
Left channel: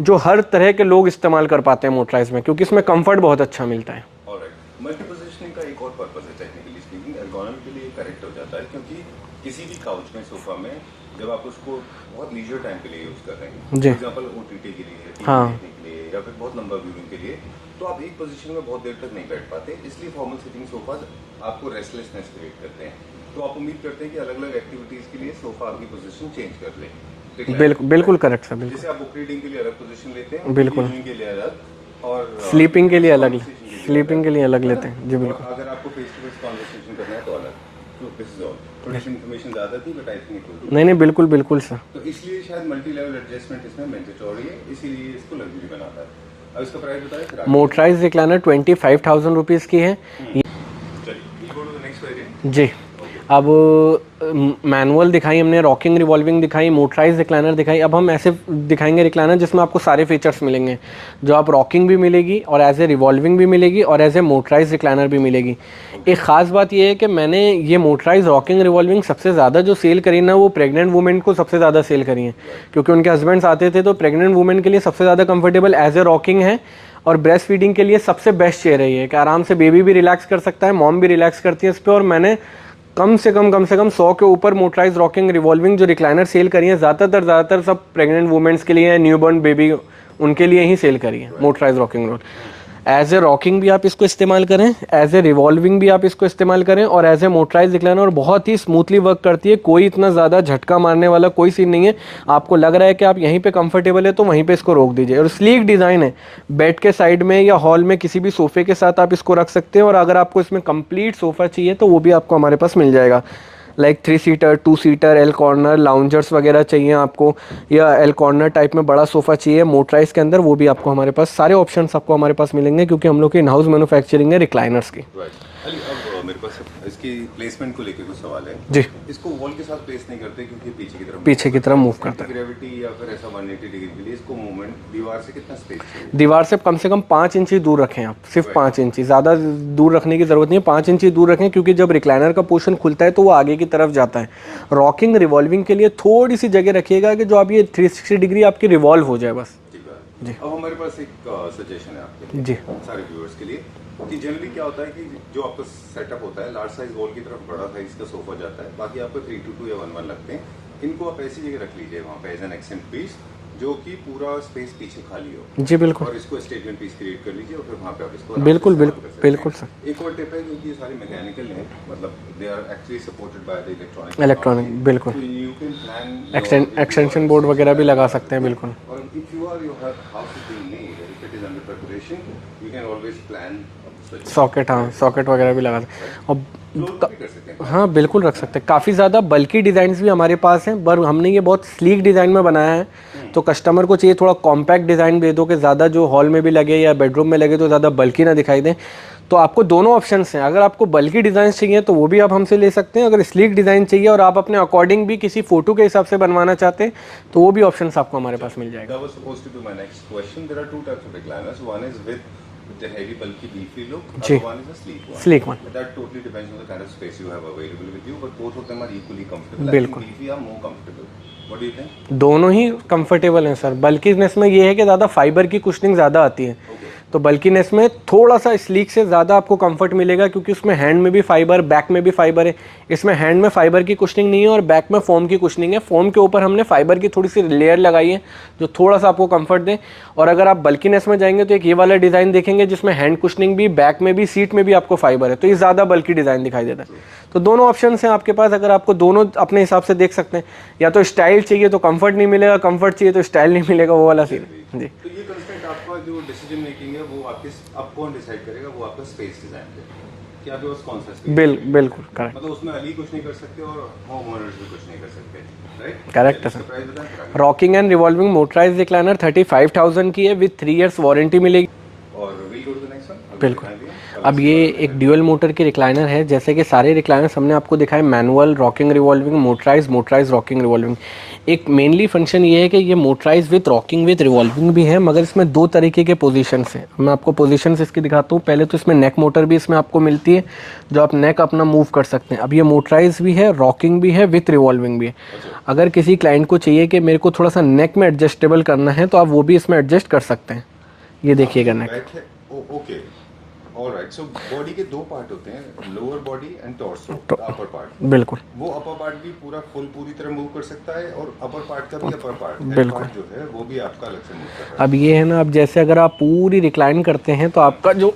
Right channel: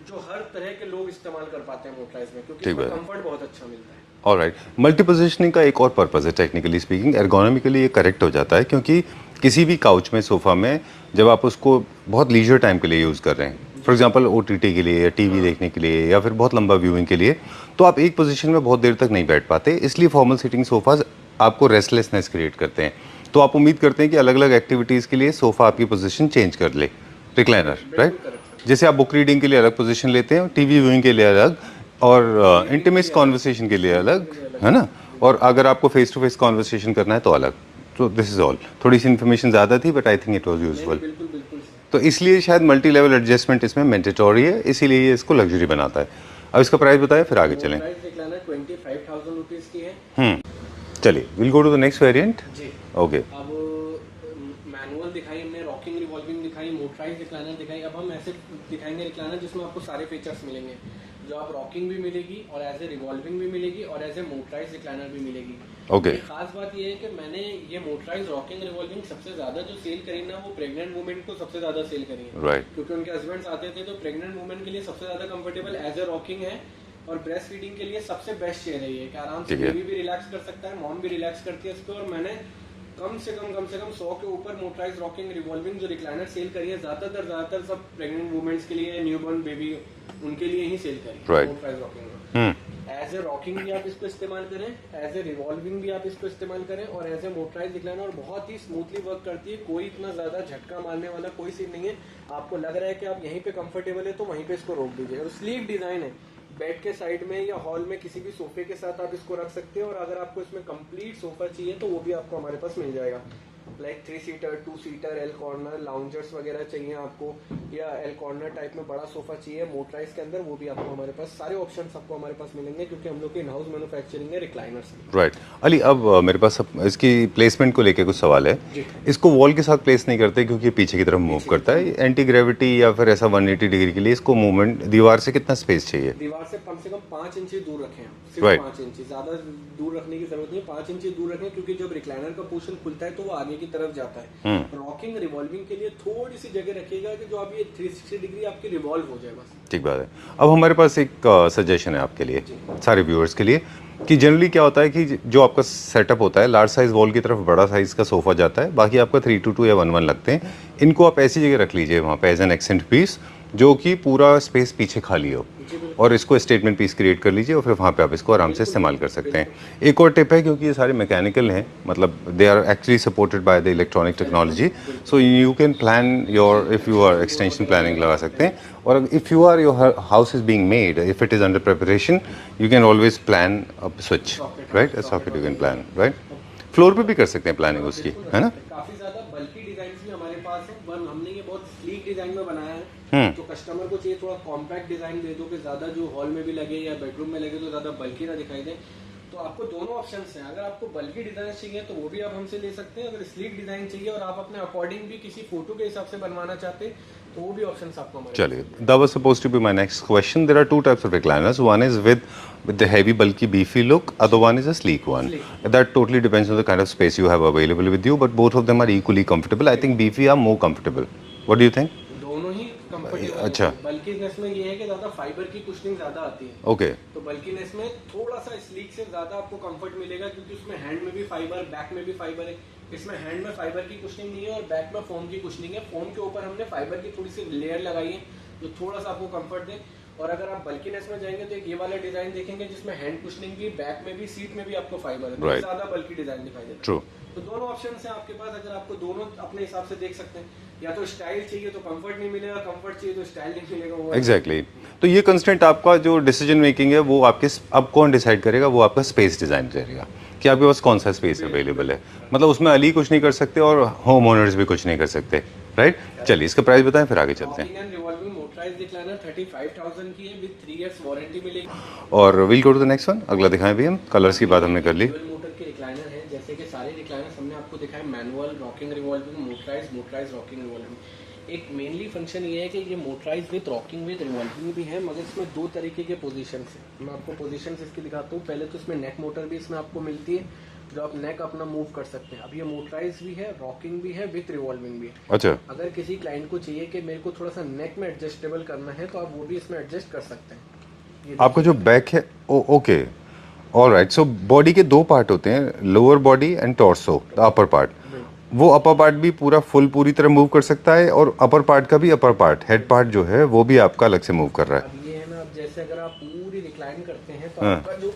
जो हर तरह के लोग इस्तेमाल कर पाते हैं मोटराइज में, क्योंकि इसमें कंफर्ट बहुत अच्छा मिलता है। ऑलराइट। मल्टी पोजीशनिंग का एक और पर्पस है, टेक्निकली स्पीकिंग, एर्गोनॉमिकली ये करेक्ट हो जाता है, क्योंकि किसी भी काउच में, सोफा में, जब आप उसको बहुत लीजर टाइम के लिए यूज़ कर रहे हैं, फॉर एग्जांपल ओटीटी के लिए या टीवी देखने के लिए या फिर बहुत लंबा व्यूइंग के लिए, तो आप एक पोजीशन में बहुत देर तक नहीं बैठ पाते। इसलिए फॉर्मल सीटिंग सोफाज आपको रेस्टलेसनेस क्रिएट करते हैं। तो आप उम्मीद करते हैं कि अलग अलग एक्टिविटीज़ के लिए सोफा आपकी पोजीशन चेंज कर ले। बिल्कुल करेक्ट सर। जैसे आप बुक रीडिंग के लिए अलग पोजीशन लेते हैं, टीवी व्यूइंग के लिए अलग, और स्लीपिंग के लिए कॉन्वर्सेशन के लिए अलग, है ना? और अगर आपको फेस टू फेस कॉन्वर्सेशन करना है तो अलग। तो दिस इज ऑल। थोड़ी सी इन्फॉर्मेशन ज़्यादा थी, but I think it was useful. नहीं बिल्कुल बिल्कुल सर। तो इसलिए शायद मल्टी लेवल एडजस्टमेंट इसमें मैंडेटरी है, इसीलिए ये इसको लग्जरी बनाता है। अब इसका प्राइस बताएं, फिर आगे मोटराइज रिक्लाइनर 25,000 रुपीज़ की है। चलिए, will go to the next variant. जी, ओके। अब मैनुअल दिखाई हमने, रॉकिंग रिवॉल्विंग दिखाई, मोटराइज रिक्लाइनर दिखाई। अब हम ऐसे दिखाएंगे रिक्लाइनर जिसमें आपको सारे फीचर्स मिलेंगे, जो आप रॉकिंग भी मिलेगी और एज ए रिवॉल्विंग भी मिलेगी और एज ए मोटराइज रिक्लाइनर भी मिलेगी। एक खास बात ये है कि मैंने ये मोटराइज, रॉकिंग, रिवॉल्विंग सबसे ज़्यादा जो सेल करी ना, वो प्रेग्नेंट वुमेन को सबसे ज़्यादा सेल करी है, क्योंकि उनके हस्बैंड्स आते थे। तो प्रेग्नेंट वुमेन के लिए सबसे ज़्यादा कंफर्टेबल एज ए रॉकिंग है, और ब्रेस्ट फीडिंग के लिए सबसे बेस्ट चेयर है ये, कि आराम से बेबी भी रिलैक्स कर सकता है, मॉम भी रिलैक्स करती है इस पर। और मैंने कम से कम 100 के ऊपर मोटराइज, रॉकिंग, रिवॉल्विंग जो रिक्लाइनर सेल करी है, ज़्यादातर सब प्रेग्नेंट वुमेन्स के लिए है, न्यूबॉर्न बेबी उनके लिए ही सेल करी है motorise rocking roll. As a rocking भी आप इसको इस्तेमाल करें, एज ए रिवॉल्विंग भी आप इसको इस्तेमाल करें, और एज ए मोटराइज रिक्लाइनर बहुत ही स्मूथली वर्क करती है। कोई इतना ज़्यादा झटका मारने वाला कोई सीन नहीं है। आपको लग रहा है कि आप यहीं पे कंफर्टेबल है तो वहीं पे इसको रोक दीजिए। और स्लीक डिज़ाइन है, बेड के साइड में या हॉल में किसी भी सोफे के साथ आप इसको रख सकते हैं। और अगर आपको इसमें कंप्लीट सोफ़ा चाहिए तो वो भी आपको हमारे पास मिल जाएगा। Like 3 seater, 2 seater, L corner, loungers वगैरह चाहिए आपको, या एल कॉर्नर टाइप में बड़ा सोफ़ा चाहिए मोटराइज के अंदर, वो भी आपको हमारे पास सारे ऑप्शंस आपको हमारे पास मिलेंगे, क्योंकि हम लोग की इन हाउस मैन्युफैक्चरिंग है रिक्लाइनर्स की। राइट अली, अब मेरे पास इसकी प्लेसमेंट को लेके कुछ सवाल है जी। इसको वॉल के साथ प्लेस नहीं करते क्योंकि पीछे की तरफ एंटी ग्रेविटी या फिर ऐसा 180 डिग्री के लिए इसको मूवमेंट दीवार से कितना स्पेस चाहिए? दीवार से कम 5 इंची दूर रखें आप, सिर्फ 5 इंची, ज़्यादा दूर रखने की जरूरत नहीं है। 5 इंची दूर रखें, क्योंकि जब रिक्लाइनर का पोर्शन खुलता है तो वो आगे की तरफ जाता है। रॉकिंग रिवॉल्विंग के लिए थोड़ी सी जगह रखिएगा कि जो आप ये 360 डिग्री आपकी रिवॉल्व हो जाए बस। ठीक बात है। अब हमारे पास एक सजेशन है आपके लिए जी। सारे व्यूअर्स के लिए कि जनरली क्या होता है कि जो आपका सेटअप होता है लार्ज साइज वॉल की तरफ बड़ा साइज का सोफा जाता है, बाकी आपका 3x2 या 1x1 लगते हैं। इनको आप ऐसी जगह रख लीजिए वहाँ पे एज एन एक्सेंट पीस, जो कि पूरा स्पेस पीछे खाली हो। जी बिल्कुल। और इसको स्टेटमेंट पीस क्रिएट कर लीजिए और फिर वहाँ पे आप इसको आराम से इस्तेमाल कर सकते हैं। एक और टिप है, क्योंकि ये सारे मैकेनिकल हैं, मतलब they are actually supported by the electronic technology, so you can plan your extension board वगैरह भी लगा सकते हैं। और if you are your house is being made, if it is under preparation, you can always plan a switch socket, socket वगैरह भी लगा सकते हैं। और फ्लोर पे भी कर सकते हैं प्लान। हाँ बिल्कुल रख सकते हैं। काफ़ी ज़्यादा बल्कि डिज़ाइंस भी हमारे पास हैं, पर हमने ये बहुत स्लीक डिज़ाइन में बनाया है। तो कस्टमर को चाहिए थोड़ा कॉम्पैक्ट डिज़ाइन दे दो कि ज़्यादा जो हॉल में भी लगे या बेडरूम में लगे तो ज़्यादा बल्कि ना दिखाई दे। तो आपको दोनों ऑप्शंस हैं। अगर आपको बल्कि डिज़ाइन चाहिए तो वो भी आप हमसे ले सकते हैं। अगर स्लीक डिज़ाइन चाहिए और आप अपने अकॉर्डिंग भी किसी फोटो के हिसाब से बनवाना चाहते हैं तो वो भी ऑप्शंस आपको हमारे पास मिल जाएगा। That was supposed to be my next question. There are two types of recliners. One is with the heavy, bulky, beefy look. Other one is a sleek one. Sleek one. That totally depends on the kind of space you have available with you. But both of them are equally comfortable. I think beefy are more comfortable. What do you think? दोनों ही कंफर्टेबल हैं सर। बल्कीनेस में ये है कि ज़्यादा फाइबर की कुशनिंग ज़्यादा आती है। ओके। तो बल्कीनेस में थोड़ा सा स्लीक से ज़्यादा आपको कंफर्ट मिलेगा, क्योंकि उसमें हैंड में भी फाइबर, बैक में भी फाइबर है। इसमें हैंड में फाइबर की कुशनिंग नहीं है और बैक में फोम की कुशनिंग है। फोम के ऊपर हमने फाइबर की थोड़ी सी लेयर लगाई है जो थोड़ा सा आपको कंफर्ट दे। और अगर आप बल्कीनेस में जाएंगे तो एक ये वाला डिज़ाइन देखेंगे जिसमें हैंड कुशनिंग भी, बैक में भी, सीट में भी आपको फाइबर है, तो ये ज़्यादा बल्की डिज़ाइन दिखाई देता है। तो दोनों ऑप्शन हैं आपके पास। अगर आपको दोनों अपने हिसाब से देख सकते हैं, या तो स्टाइल चाहिए तो कंफर्ट नहीं मिलेगा, कंफर्ट चाहिए तो स्टाइल नहीं मिलेगा, वो वाला। एग्जैक्टली। तो ये कंस्टेंट आपका जो डिसीजन मेकिंग है वो आपके, अब कौन डिसाइड करेगा? वो आपका स्पेस डिजाइन करेगा कि आपके पास कौन सा स्पेस अवेलेबल है। मतलब उसमें अली कुछ नहीं कर सकते और होम ओनर्स भी कुछ नहीं कर सकते, राइट? चलिए इसका प्राइस बताएं फिर आगे। Rocking and revolving motorised recliner 35,000 की है, विद 3 इयर्स वारंटी मिलेगी। और will go to the next one. अगला दिखाएं भी हम। कलर्स की बात हमने कर ली। ड्यूअल मोटर की रिक्लाइनर है। जैसे कि सारे रिक्लाइनर्स हमने आपको दिखाए, manual, rocking, revolving, motorise, rocking, revolving. एक मेनली फंक्शन ये है कि ये motorise with rocking with revolving भी है, मगर इसमें 2 तरीके के पोजीशंस हैं। मैं आपको पोजीशंस इसकी दिखाता हूँ। पहले तो इसमें नेक मोटर भी इसमें आपको मिलती है, जो आप नेक अपना मूव कर सकते हैं। अब ये मोटराइज भी है, रॉकिंग भी है, विद रिवॉल्विंग भी है। अच्छा। अगर किसी क्लाइंट को चाहिए कि मेरे को थोड़ा सा नेक में एडजस्टेबल करना है तो आप वो भी इसमें एडजस्ट कर सकते हैं। ये देखिएगा बैक है। Okay, alright. सो बॉडी के 2 पार्ट होते हैं, lower body and torso, upper part. बिल्कुल। वो अपर पार्ट भी पूरी तरह मूव कर सकता है, और अपर पार्ट का भी अपर पार्ट, हेड पार्ट जो है वो भी आपका अलग से मूव कर रहा है। अब ये है ना, अब जैसे अगर आप पूरी रिक्लाइन करते हैं तो आपका जो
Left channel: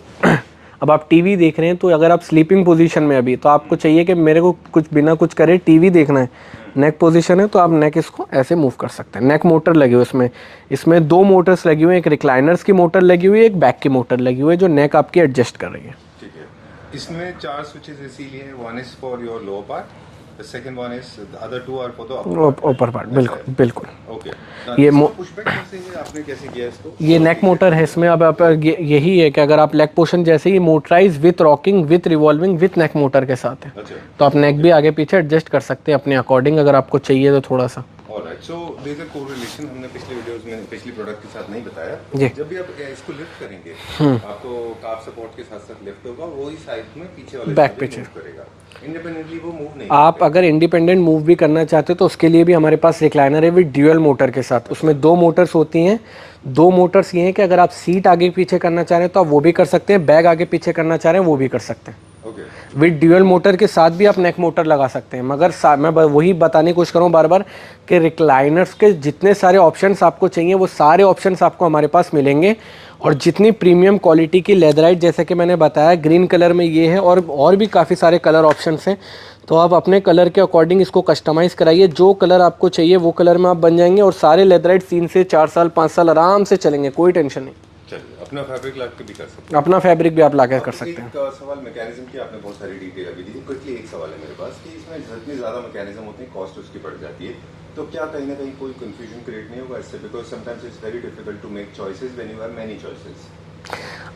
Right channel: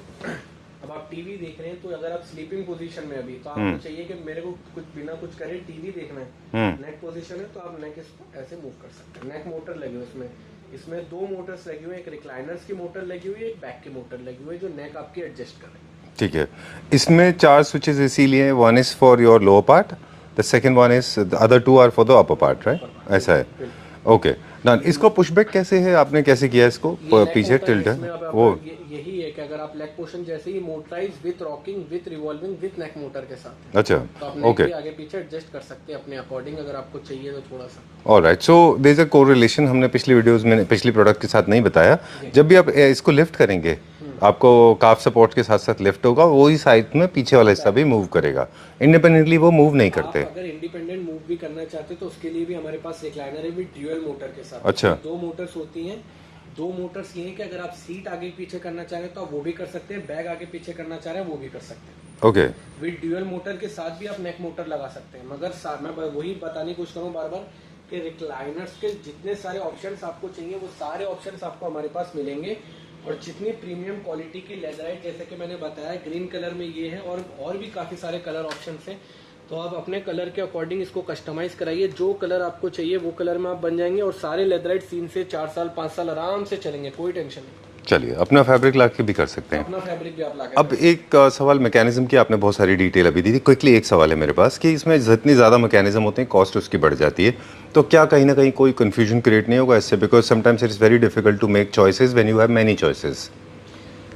अब आप टीवी देख रहे हैं, तो अगर आप स्लीपिंग पोजीशन में अभी, तो आपको चाहिए कि मेरे को कुछ बिना कुछ करे टीवी देखना है, नेक पोजीशन है, तो आप नेक इसको ऐसे मूव कर सकते हैं। नेक मोटर लगी हुई इसमें 2 मोटर्स लगी हुई हैं। एक रिक्लाइनर्स की मोटर लगी हुई है, एक बैक की मोटर लगी हुई है, जो नेक आपकी एडजस्ट कर रही है। ठीक है। इसमें 4 स्विचेस इसीलिए, 1 is for your lower part, the second one is, the other 2 are for the upper part, right? upper part, ऐसा है। बिल्कुल। ओके। इसको पुशबैक कैसे है, आपने कैसे किया इसको? ये नेक मोटर है इसमें। अब आप यही है कि अगर आप लेग पोर्शन जैसे ही motorise with rocking with revolving with neck motor के साथ है। अच्छा। तो आप नेक भी आगे पीछे एडजस्ट कर सकते हैं अपने अकॉर्डिंग, अगर आपको चाहिए तो थोड़ा सा। Alright. So there is a correlation, हमने पिछली वीडियोस में पिछली प्रोडक्ट के साथ नहीं बताया। जब भी आप इसको लिफ्ट करेंगे, आपको काफ सपोर्ट के साथ साथ लिफ्ट होगा, वही साइड में पीछे वाला हिस्सा भी मूव करेगा। इंडिपेंडेंटली वो मूव नहीं करते। आप अगर इंडिपेंडेंट मूव भी करना चाहते हो तो उसके लिए भी हमारे पास रिक्लाइनर है विद ड्यूअल मोटर के साथ। उसमें 2 मोटर्स होती हैं दो मोटर्स ये हैं कि अगर आप सीट आगे पीछे करना चाह रहे हैं तो आप वो भी कर सकते हैं, बैग आगे पीछे करना चाह रहे हैं वो भी कर सकते हैं। ओके। विद ड्यूअल मोटर के साथ भी आप नेक मोटर लगा सकते हैं, मगर मैं वही बताने की कोशिश करूँ बार बार कि रिक्लाइनर्स के जितने सारे ऑप्शंस आपको चाहिए वो सारे ऑप्शंस आपको हमारे पास मिलेंगे। और जितनी प्रीमियम क्वालिटी की लेदराइट, जैसे कि मैंने बताया ग्रीन कलर में ये है, और भी काफ़ी सारे कलर ऑप्शंस हैं, तो आप अपने कलर के अकॉर्डिंग इसको कस्टमाइज़ कराइए। जो कलर आपको चाहिए वो कलर में आप बन जाएंगे और सारे लेदराइट 3 से 4 साल 5 साल आराम से चलेंगे, कोई टेंशन नहीं। चलिए, अपना फैब्रिक ला के भी कर सकते हैं। अपना फैब्रिक भी आप ला के कर सकते हैं। एक सवाल मैकेनिज्म की, आपने बहुत सारी डिटेल अभी दी थी, क्विकली एक सवाल है मेरे पास कि इसमें जितनी ज़्यादा मैकेनिज्म होते हैं कॉस्ट उसकी बढ़ जाती है, तो क्या कहीं ना कहीं कोई कन्फ्यूजन क्रिएट नहीं होगा इससे? Because sometimes it is very difficult to make choices when you have many choices.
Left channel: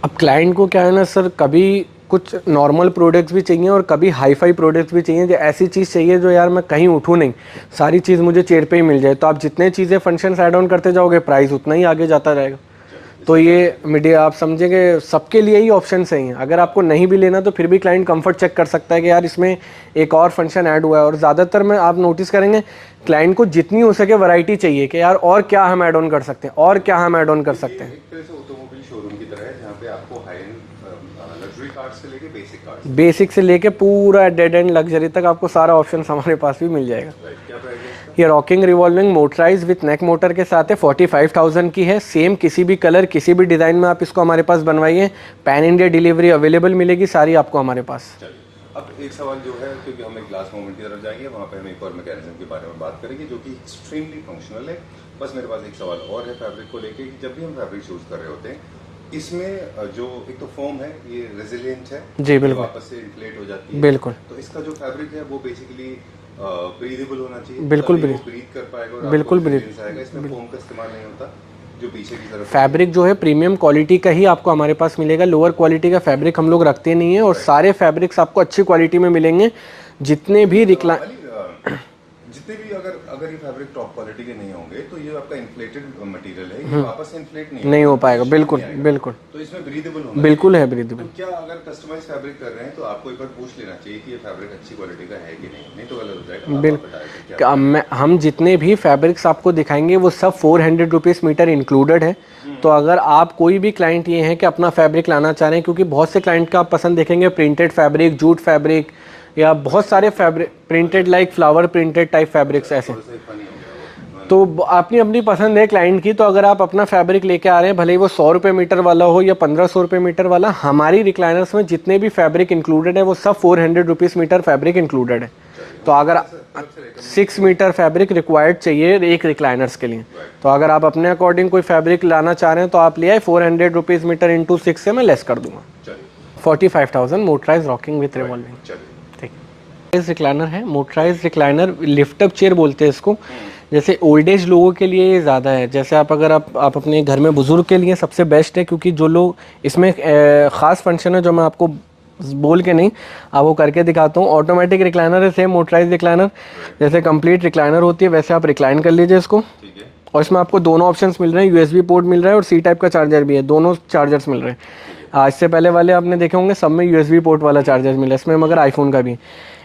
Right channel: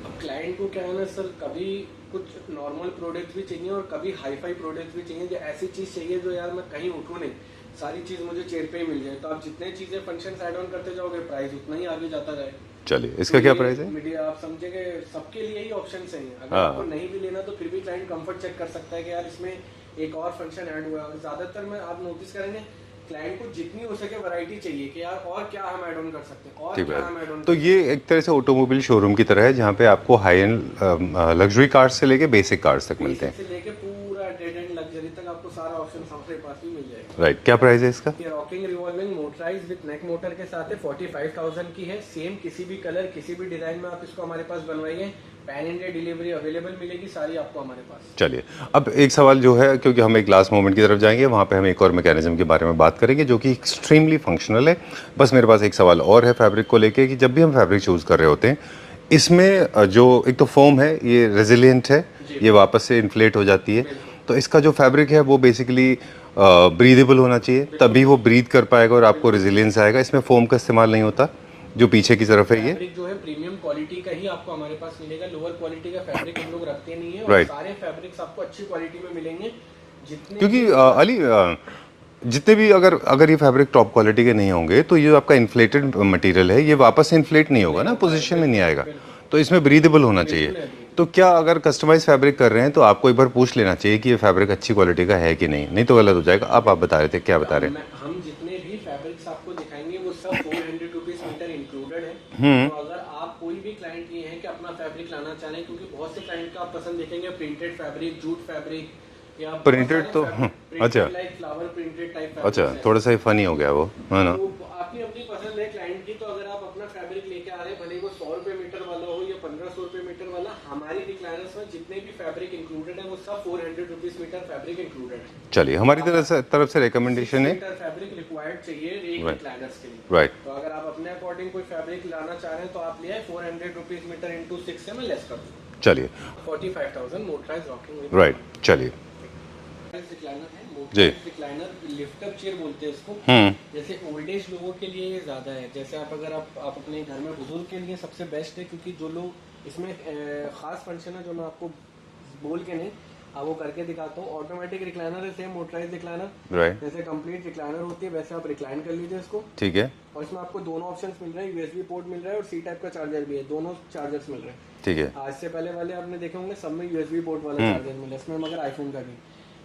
अब क्लाइंट को क्या है ना सर, कभी कुछ नॉर्मल प्रोडक्ट्स भी चाहिए और कभी हाई फाई प्रोडक्ट्स भी चाहिए, जो ऐसी चीज़ चाहिए जो यार मैं कहीं उठूँ नहीं, सारी चीज़ मुझे चेयर पे ही मिल जाए। तो आप जितने चीज़ें फंक्शंस ऐड ऑन करते जाओगे प्राइस उतना ही आगे जाता रहेगा। चलिए, तो ये मीडिया आप समझेंगे सबके लिए ही ऑप्शन सही है। अगर आपको नहीं भी लेना तो फिर भी क्लाइंट कंफर्ट चेक कर सकता है कि यार इसमें एक और फंक्शन ऐड हुआ है। और ज़्यादातर में आप नोटिस करेंगे क्लाइंट को जितनी हो सके वैरायटी चाहिए कि यार और क्या हम ऐड ऑन कर सकते हैं, और क्या हम ऐड ऑन कर सकते हैं। ये एक तरह से ऑटोमोबाइल शोरूम की तरह है जहाँ पे आपको हाई एंड लग्जरी कार्स से लेके बेसिक कार्स तक, बेसिक से लेके पूरा डेड एंड लग्जरी तक आपको सारा ऑप्शन हमारे पास भी मिल जाएगा। राइट। क्या प्राइस है इसका? ये rocking revolving motorise with neck motor के साथ है, 45,000 की है। सेम किसी भी कलर किसी भी डिजाइन में आप इसको हमारे पास बनवाइए, पैन इंडिया डिलीवरी अवेलेबल मिलेगी सारी आपको हमारे पास। चलिए, अब एक सवाल जो है, क्योंकि हम एक लास्ट मोमेंट की तरफ जाएंगे, वहाँ पे हम एक और मैकेनिज्म के बारे में बात करेंगे जो कि एक्सट्रीमली फंक्शनल है। बस मेरे पास एक सवाल और है फैब्रिक को लेके कि जब भी हम फैब्रिक चूज कर रहे होते हैं, इसमें जो एक तो फोम है ये रेजिलिएंट है, ये वापस से इन्फ्लेट हो जाती है। बिल्कुल। तो इसका जो फैब्रिक है वो बेसिकली ब्रीदेबल होना चाहिए, तभी वो ब्रीथ कर पाएगा और आपको रेजिलियंस आएगा। इसमें फोम का इस्तेमाल नहीं होता जो पीछे की तरफ है। फैब्रिक जो है प्रीमियम क्वालिटी का ही आपको हमारे पास मिलेगा, लोअर क्वालिटी का फैब्रिक हम लोग रखते नहीं है। और सारे फैब्रिक्स आपको अच्छी क्वालिटी में मिलेंगे। जितने भी जितने भी अगर ये फैब्रिक टॉप क्वालिटी के नहीं होंगे तो ये आपका इन्फ्लेटेड मटेरियल है, ये वापस से इन्फ्लेट नहीं होगा, नहीं हो पाएगा, बिल्कुल नहीं आएगा। बिल्कुल। तो इसमें ब्रीदेबल होना बिल्कुल चाहिए। है ब्रीदेबल। तो क्या अगर कस्टमाइज फैब्रिक कर रहे हैं तो आपको एक बार पूछ लेना चाहिए कि ये फैब्रिक अच्छी क्वालिटी का है कि नहीं तो गलत हो जाएगा। आप बता रहे थे क्या बता रहे हैं? हम जितने भी फैब्रिक्स आपको दिखाएंगे वो सब 400 रुपीज़ मीटर इंक्लूडेड है। तो अगर आप कोई भी क्लाइंट ये है कि अपना फैब्रिक लाना चाह रहे हैं, क्योंकि बहुत से क्लाइंट का आप पसंद देखेंगे प्रिंटेड फैब्रिक, जूट फैब्रिक या बहुत सारे fabric printed like flower printed type fabrics ऐसे। थोड़ा सा फनी हो गया वो, तो अपनी अपनी पसंद है क्लाइंट की। तो अगर आप अपना फैब्रिक लेके आ रहे हैं, भले ही वो 100 रुपये मीटर वाला हो या 1500 रुपये मीटर वाला, हमारी रिक्लाइनर्स में जितने भी फैब्रिक इंक्लूडेड है वो सब 400 रुपीज़ मीटर फैब्रिक इंक्लूडेड है। चलिए, हमारी तरफ से रिकमेंडेशन 6 मीटर फैब्रिक रिक्वायर्ड चाहिए एक रिक्लाइनर्स के लिए। राइट। तो अगर आप अपने अकॉर्डिंग कोई फैब्रिक लाना चाह रहे हैं तो आप ले आए, 400 रुपीज़ मीटर इंटू 6 से मैं लेस कर दूंगा। चलिए, 45,000 मोटराइज रॉकिंग विथ रिवॉल्विंग। चलिए, रिक्लाइनर है, motorise recliner, lift up chair बोलते हैं इसको। जैसे ओल्ड एज लोगों के लिए ये ज़्यादा है। जैसे अगर आप अपने घर में बुजुर्ग के लिए सबसे बेस्ट है, क्योंकि जो लोग इसमें ख़ास फंक्शन है जो मैं आपको बोल के नहीं, आप वो करके दिखाता हूँ। ऑटोमेटिक रिक्लाइनर है, सेम मोटराइज रिक्लाइनर, जैसे कंप्लीट रिक्लाइनर होती है वैसे आप रिक्लाइन कर लीजिए इसको। ठीक है। और इसमें आपको दोनों ऑप्शंस मिल रहे हैं, यूएसबी पोर्ट मिल रहा है और सी टाइप का चार्जर भी है, दोनों चार्जर्स मिल रहे हैं। ठीक है। इससे पहले वाले आपने देखे होंगे सब में यूएसबी पोर्ट वाला चार्जर मिला है, इसमें मगर आईफोन का भी।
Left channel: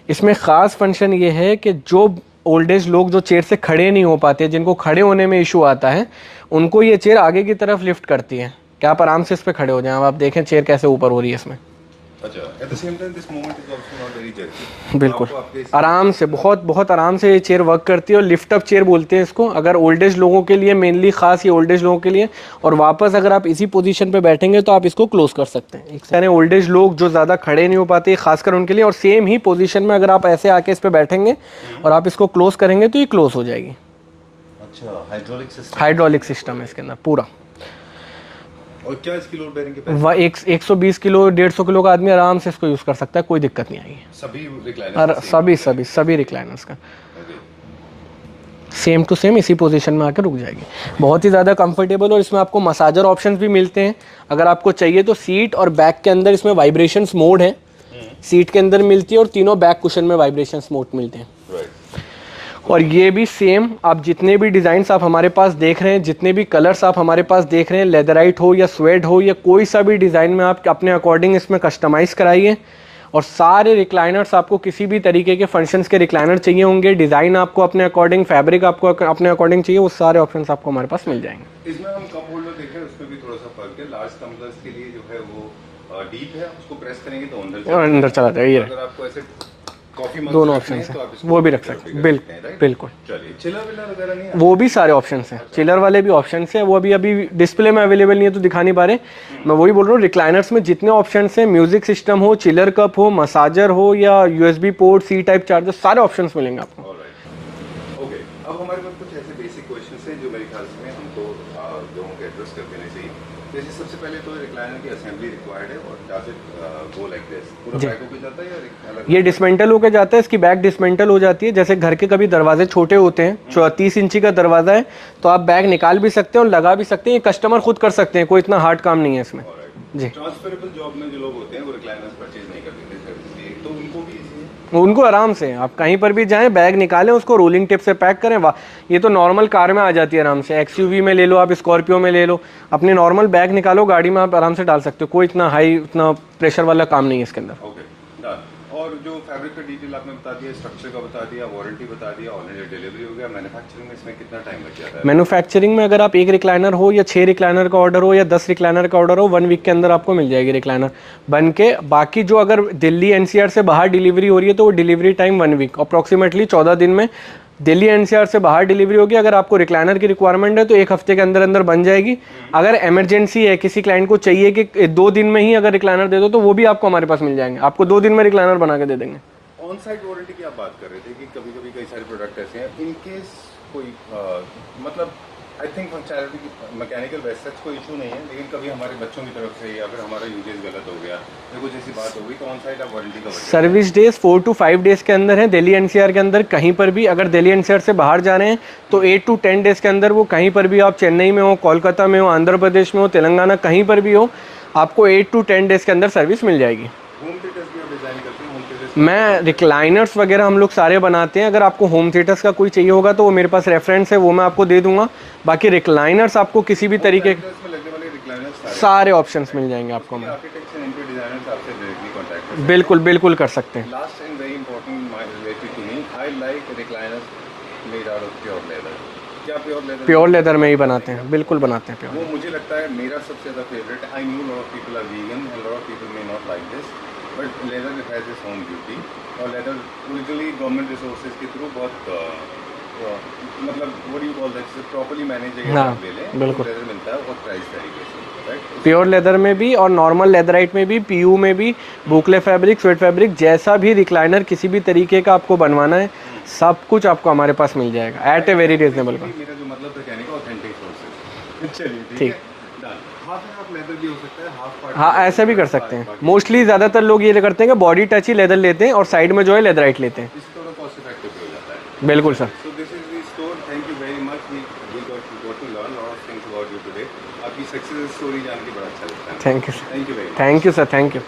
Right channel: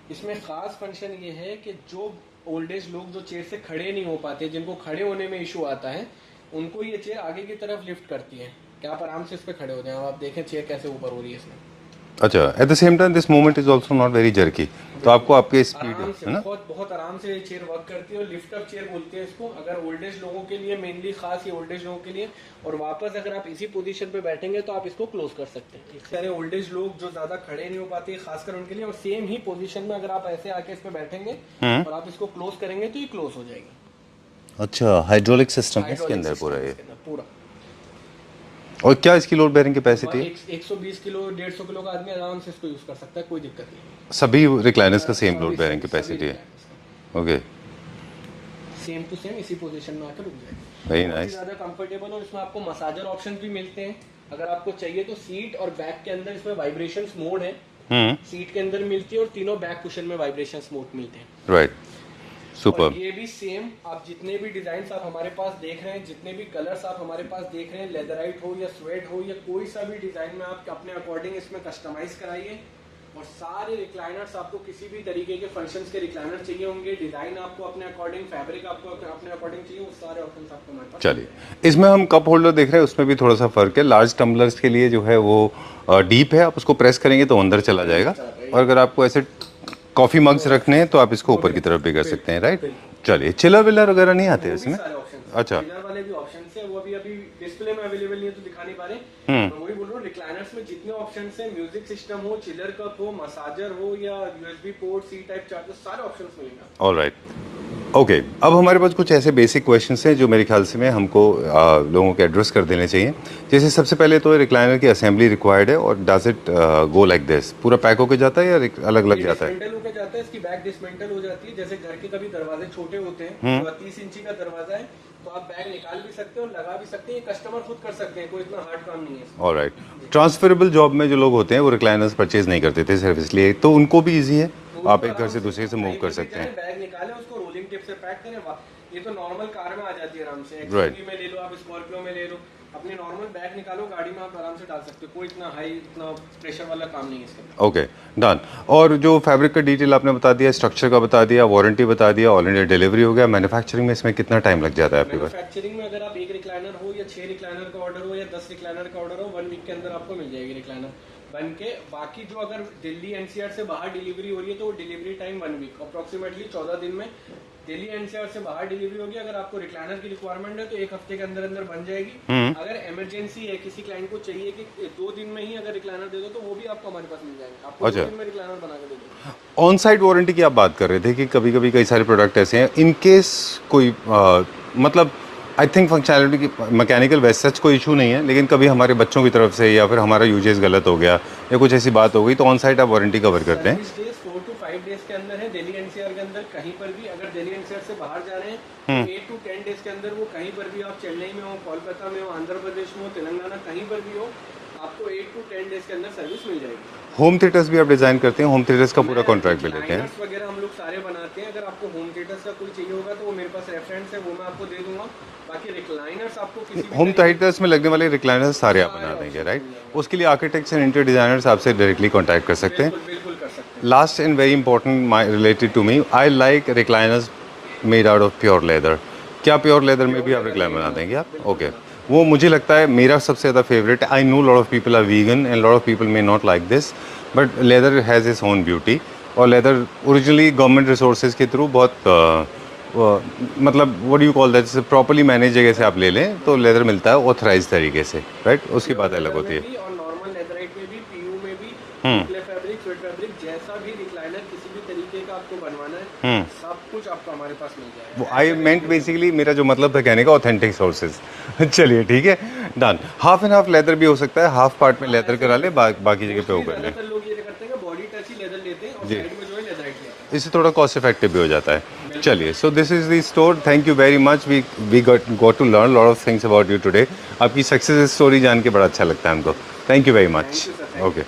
इसमें ख़ास फंक्शन ये है कि जो ओल्ड एज लोग जो चेयर से खड़े नहीं हो पाते, जिनको खड़े होने में इशू आता है, उनको ये चेयर आगे की तरफ लिफ्ट करती है कि आप आराम से इस पर खड़े हो जाएं। आप देखें चेयर कैसे ऊपर हो रही है इसमें। अच्छा, at the same time this movement is also not very jerky, तो आपको आपके आराम से बहुत आराम से ये चेयर वर्क करती है। और लिफ्ट अप चेयर बोलते हैं इसको, अगर ओल्ड एज लोगों के लिए, मेनली खास ये ओल्ड एज लोगों के लिए। और वापस अगर आप इसी पोजीशन पे बैठेंगे तो आप इसको क्लोज कर सकते हैं। यानी ओल्ड एज लोग जो ज़्यादा खड़े नहीं हो पाते, खासकर उनके लिए। और सेम ही पोजीशन में अगर आप ऐसे आके इस पे बैठेंगे और आप इसको क्लोज करेंगे तो ये क्लोज हो जाएगी। अच्छा, हाइड्रोलिक सिस्टम है इसके अंदर पूरा। और क्या इसकी load bearing capacity? 120 kilo 150 kilo का आदमी आराम से इसको यूज कर सकता है, कोई दिक्कत नहीं आएगी। सभी रिक्लाइनर्स का सेम सभी रिक्लाइनर्स का ओके, सेम टू सेम इसी पोजीशन में आकर रुक जाएगी। बहुत ही ज़्यादा कंफर्टेबल। और इसमें आपको मसाजर ऑप्शंस भी मिलते हैं अगर आपको चाहिए तो। सीट और बैक के अंदर इसमें वाइब्रेशंस मोड है, सीट के अंदर मिलती है, और तीनों बैक कुशन में वाइब्रेशंस मोड मिलते हैं। राइट। और ये भी सेम, आप जितने भी डिज़ाइंस आप हमारे पास देख रहे हैं, जितने भी कलर्स आप हमारे पास देख रहे हैं, लेदराइट हो या स्वेड हो या कोई सा भी डिज़ाइन में आप अपने अकॉर्डिंग इसमें कस्टमाइज़ कराइए। और सारे रिक्लाइनर्स आपको किसी भी तरीके के फंक्शंस के रिक्लाइनर चाहिए होंगे, डिज़ाइन आपको अपने अकॉर्डिंग, फैब्रिक आपको अपने अकॉर्डिंग चाहिए, वो सारे ऑप्शंस आपको हमारे पास मिल जाएंगे। इसमें हम कप होल्डर देख रहे हैं, उसमें भी थोड़ा सा फर्क है। लार्ज टम्बलर्स के लिए जो है वो डीप है, आप उसको प्रेस करेंगे तो अंदर चला जाएगा। और अगर आपको ऐसे कॉफी मग्स रखने हैं तो आप इसको ऊपर की तरफ भी कर सकते हैं, राइट? बिल्कुल। चलिए, चिलर विलर वगैरह नहीं आते? वो भी सारे ऑप्शंस हैं। अच्छा। चिलर वाले भी ऑप्शंस हैं, वो अभी डिस्प्ले में अवेलेबल नहीं है तो दिखा नहीं पा रहे। मैं वही बोल रहा हूँ, रिक्लाइनर्स में जितने ऑप्शंस हैं, म्यूजिक सिस्टम हो, चिलर कप हो, मसाजर हो या USB port, C type charger, सारे ऑप्शंस मिलेंगे आपको। Alright, okay. अब हमारे पास कुछ ऐसे बेसिक क्वेश्चंस हैं जो मेरे ख्याल से हमको लोगों के एड्रेस कर देने चाहिए। जैसे सबसे पहले तो रिक्लाइनर की असेंबली रिक्वायर्ड है, और does it go like this, पूरा पैक होके जाता है या अलग अलग? ये डिसमेंटल होके जाता है, इसकी बैक डिसमेंटल हो जाती है। जैसे घर के कभी दरवाजे छोटे होते हैं, 30 इंची का दरवाजा है तो आप बैग निकाल भी सकते हैं और लगा भी सकते हैं, ये कस्टमर खुद कर सकते हैं, कोई इतना हार्ड काम नहीं है इसमें। ऑलराइट। ट्रांसफरेबल जॉब में जो लोग होते हैं वो रिक्लाइनर्स परचेज नहीं करते थे सिर्फ इसलिए, तो उनको भी ईजी है? उनको आराम से आप कहीं पर भी जाएं, बैग निकालें, उसको रोलिंग टिप से पैक करें। ये तो नॉर्मल कार में आ जाती है आराम से, एक्सयूवी में ले लो आप, स्कॉर्पियो में ले लो, अपने नॉर्मल बैग निकालो, गाड़ी में आप आराम से डाल सकते हो, कोई इतना हाई, इतना प्रेशर वाला काम नहीं है इसके अंदर। Okay, done. और जो फैब्रिक का डिटेल आपने बता दिया, स्ट्रक्चर का बता दिया, वारंटी बता दिया, ऑल इंडिया डिलीवरी हो गया। मैन्युफैक्चरिंग में इसमें कितना टाइम लग जाता है? मैन्युफैक्चरिंग में अगर आप 1 रिक्लाइनर हो या 6 रिक्लाइनर का ऑर्डर हो या 10 रिक्लाइनर का ऑर्डर हो, 1 वीक के अंदर आपको मिल जाएगी रिक्लाइनर बन के। बाकी जो अगर दिल्ली एनसीआर से बाहर डिलीवरी हो रही है तो वो डिलीवरी टाइम 1 वीक, अप्रॉक्सीमेटली 14 दिन में दिल्ली एनसीआर से बाहर डिलीवरी होगी। अगर आपको रिक्लाइनर की रिक्वायरमेंट है तो 1 हफ्ते के अंदर अंदर बन जाएगी। अगर इमरजेंसी है, किसी क्लाइंट को चाहिए कि 2 दिन में ही अगर रिक्लाइनर दे दो, तो वो भी आपको हमारे पास मिल जाएंगे, आपको 2 दिन में रिक्लाइनर बना के दे देंगे। ऑन साइट वारंटी की आप बात कर रहे थे कि कभी कभी कई सारे प्रोडक्ट ऐसे हैं, इन केस कोई मतलब आई थिंक फंक्शनैलिटी की मैकेनिकल वैसे सच कोई इशू नहीं है, लेकिन कभी हमारे बच्चों की तरफ से या फिर हमारा यूजेस गलत हो गया या कुछ ऐसी बात हो गई, तो ऑन साइट आप वारंटी कवर करते हैं? सर्विस डेज 4 to 5 डेज के अंदर है दिल्ली एनसीआर के अंदर। कहीं पर भी अगर दिल्ली एनसीआर से बाहर जा रहे हैं तो 8 to 10 डेज के अंदर, वो कहीं पर भी, आप चेन्नई में हो, कोलकाता में हो, आंध्र प्रदेश में हो, तेलंगाना, कहीं पर भी हो, आपको 8 to 10 डेज के अंदर सर्विस मिल जाएगी। होम थिएटर्स भी आप डिजाइन करते हैं? होम थिएटर्स का मैं रिक्लाइनर्स वगैरह हम लोग सारे बनाते हैं। अगर आपको होम थिएटर्स का कोई चाहिए होगा तो वो मेरे पास रेफरेंस है, वो मैं आपको दे दूंगा। बाकी रिक्लाइनर्स आपको किसी भी तरीके थिएटर्स में लगने वाले रिक्लाइनर्स सारे ऑप्शंस मिल जाएंगे। उसके लिए आर्किटेक्ट्स एंड इंटीरियर डिजाइनर्स आपसे डायरेक्टली कांटेक्ट कर सकते हैं? बिल्कुल बिल्कुल कर सकते हैं। Last and very important related to me, I like recliners made out of pure leather. क्या प्योर लेदर? प्योर लेदर में ही बनाते हैं, बिल्कुल बनाते हैं। वो मुझे लगता है मेरा सबसे ज़्यादा favourite. I know lot of people are vegan and lot of people may not like this, but leather has its own beauty. और लेदर ओरिजिनली गवर्नमेंट रिसोर्सेज के थ्रू बहुत मतलब what do you call that, properly manage जगह से आप ले लें तो लेदर मिलता है ऑथराइज तरीके से, राइट? प्योर लेदर में भी और नॉर्मल लेदराइट में भी, पीयू में भी, बुकले फैब्रिक, स्वेट फैब्रिक, जैसा भी रिक्लाइनर किसी भी तरीके का आपको बनवाना है, सब कुछ आपको हमारे पास मिल जाएगा at a very reasonable. Basically मेरा जो मतलब है कहने का, ऑथेंटिक सोर्सेज। चलिए ठीक है, done. Half and half leather भी हो सकता है, हाफ पार्ट में लेदर ऐसे भी कर सकते हैं। मोस्टली ज्यादातर लोग ये करते हैं कि बॉडी टच ही लेदर लेते हैं और साइड में जो है लेदराइट लेते हैं, इससे थोड़ा कॉस्ट इफेक्टिव भी हो जाता है। बिल्कुल। चलिए, so this is the store. Thank you very much. We got to learn lot of things about you today. आपकी सक्सेस स्टोरी जान के बड़ा अच्छा लगता है हमको। Thank you very much. Thank you sir, thank you.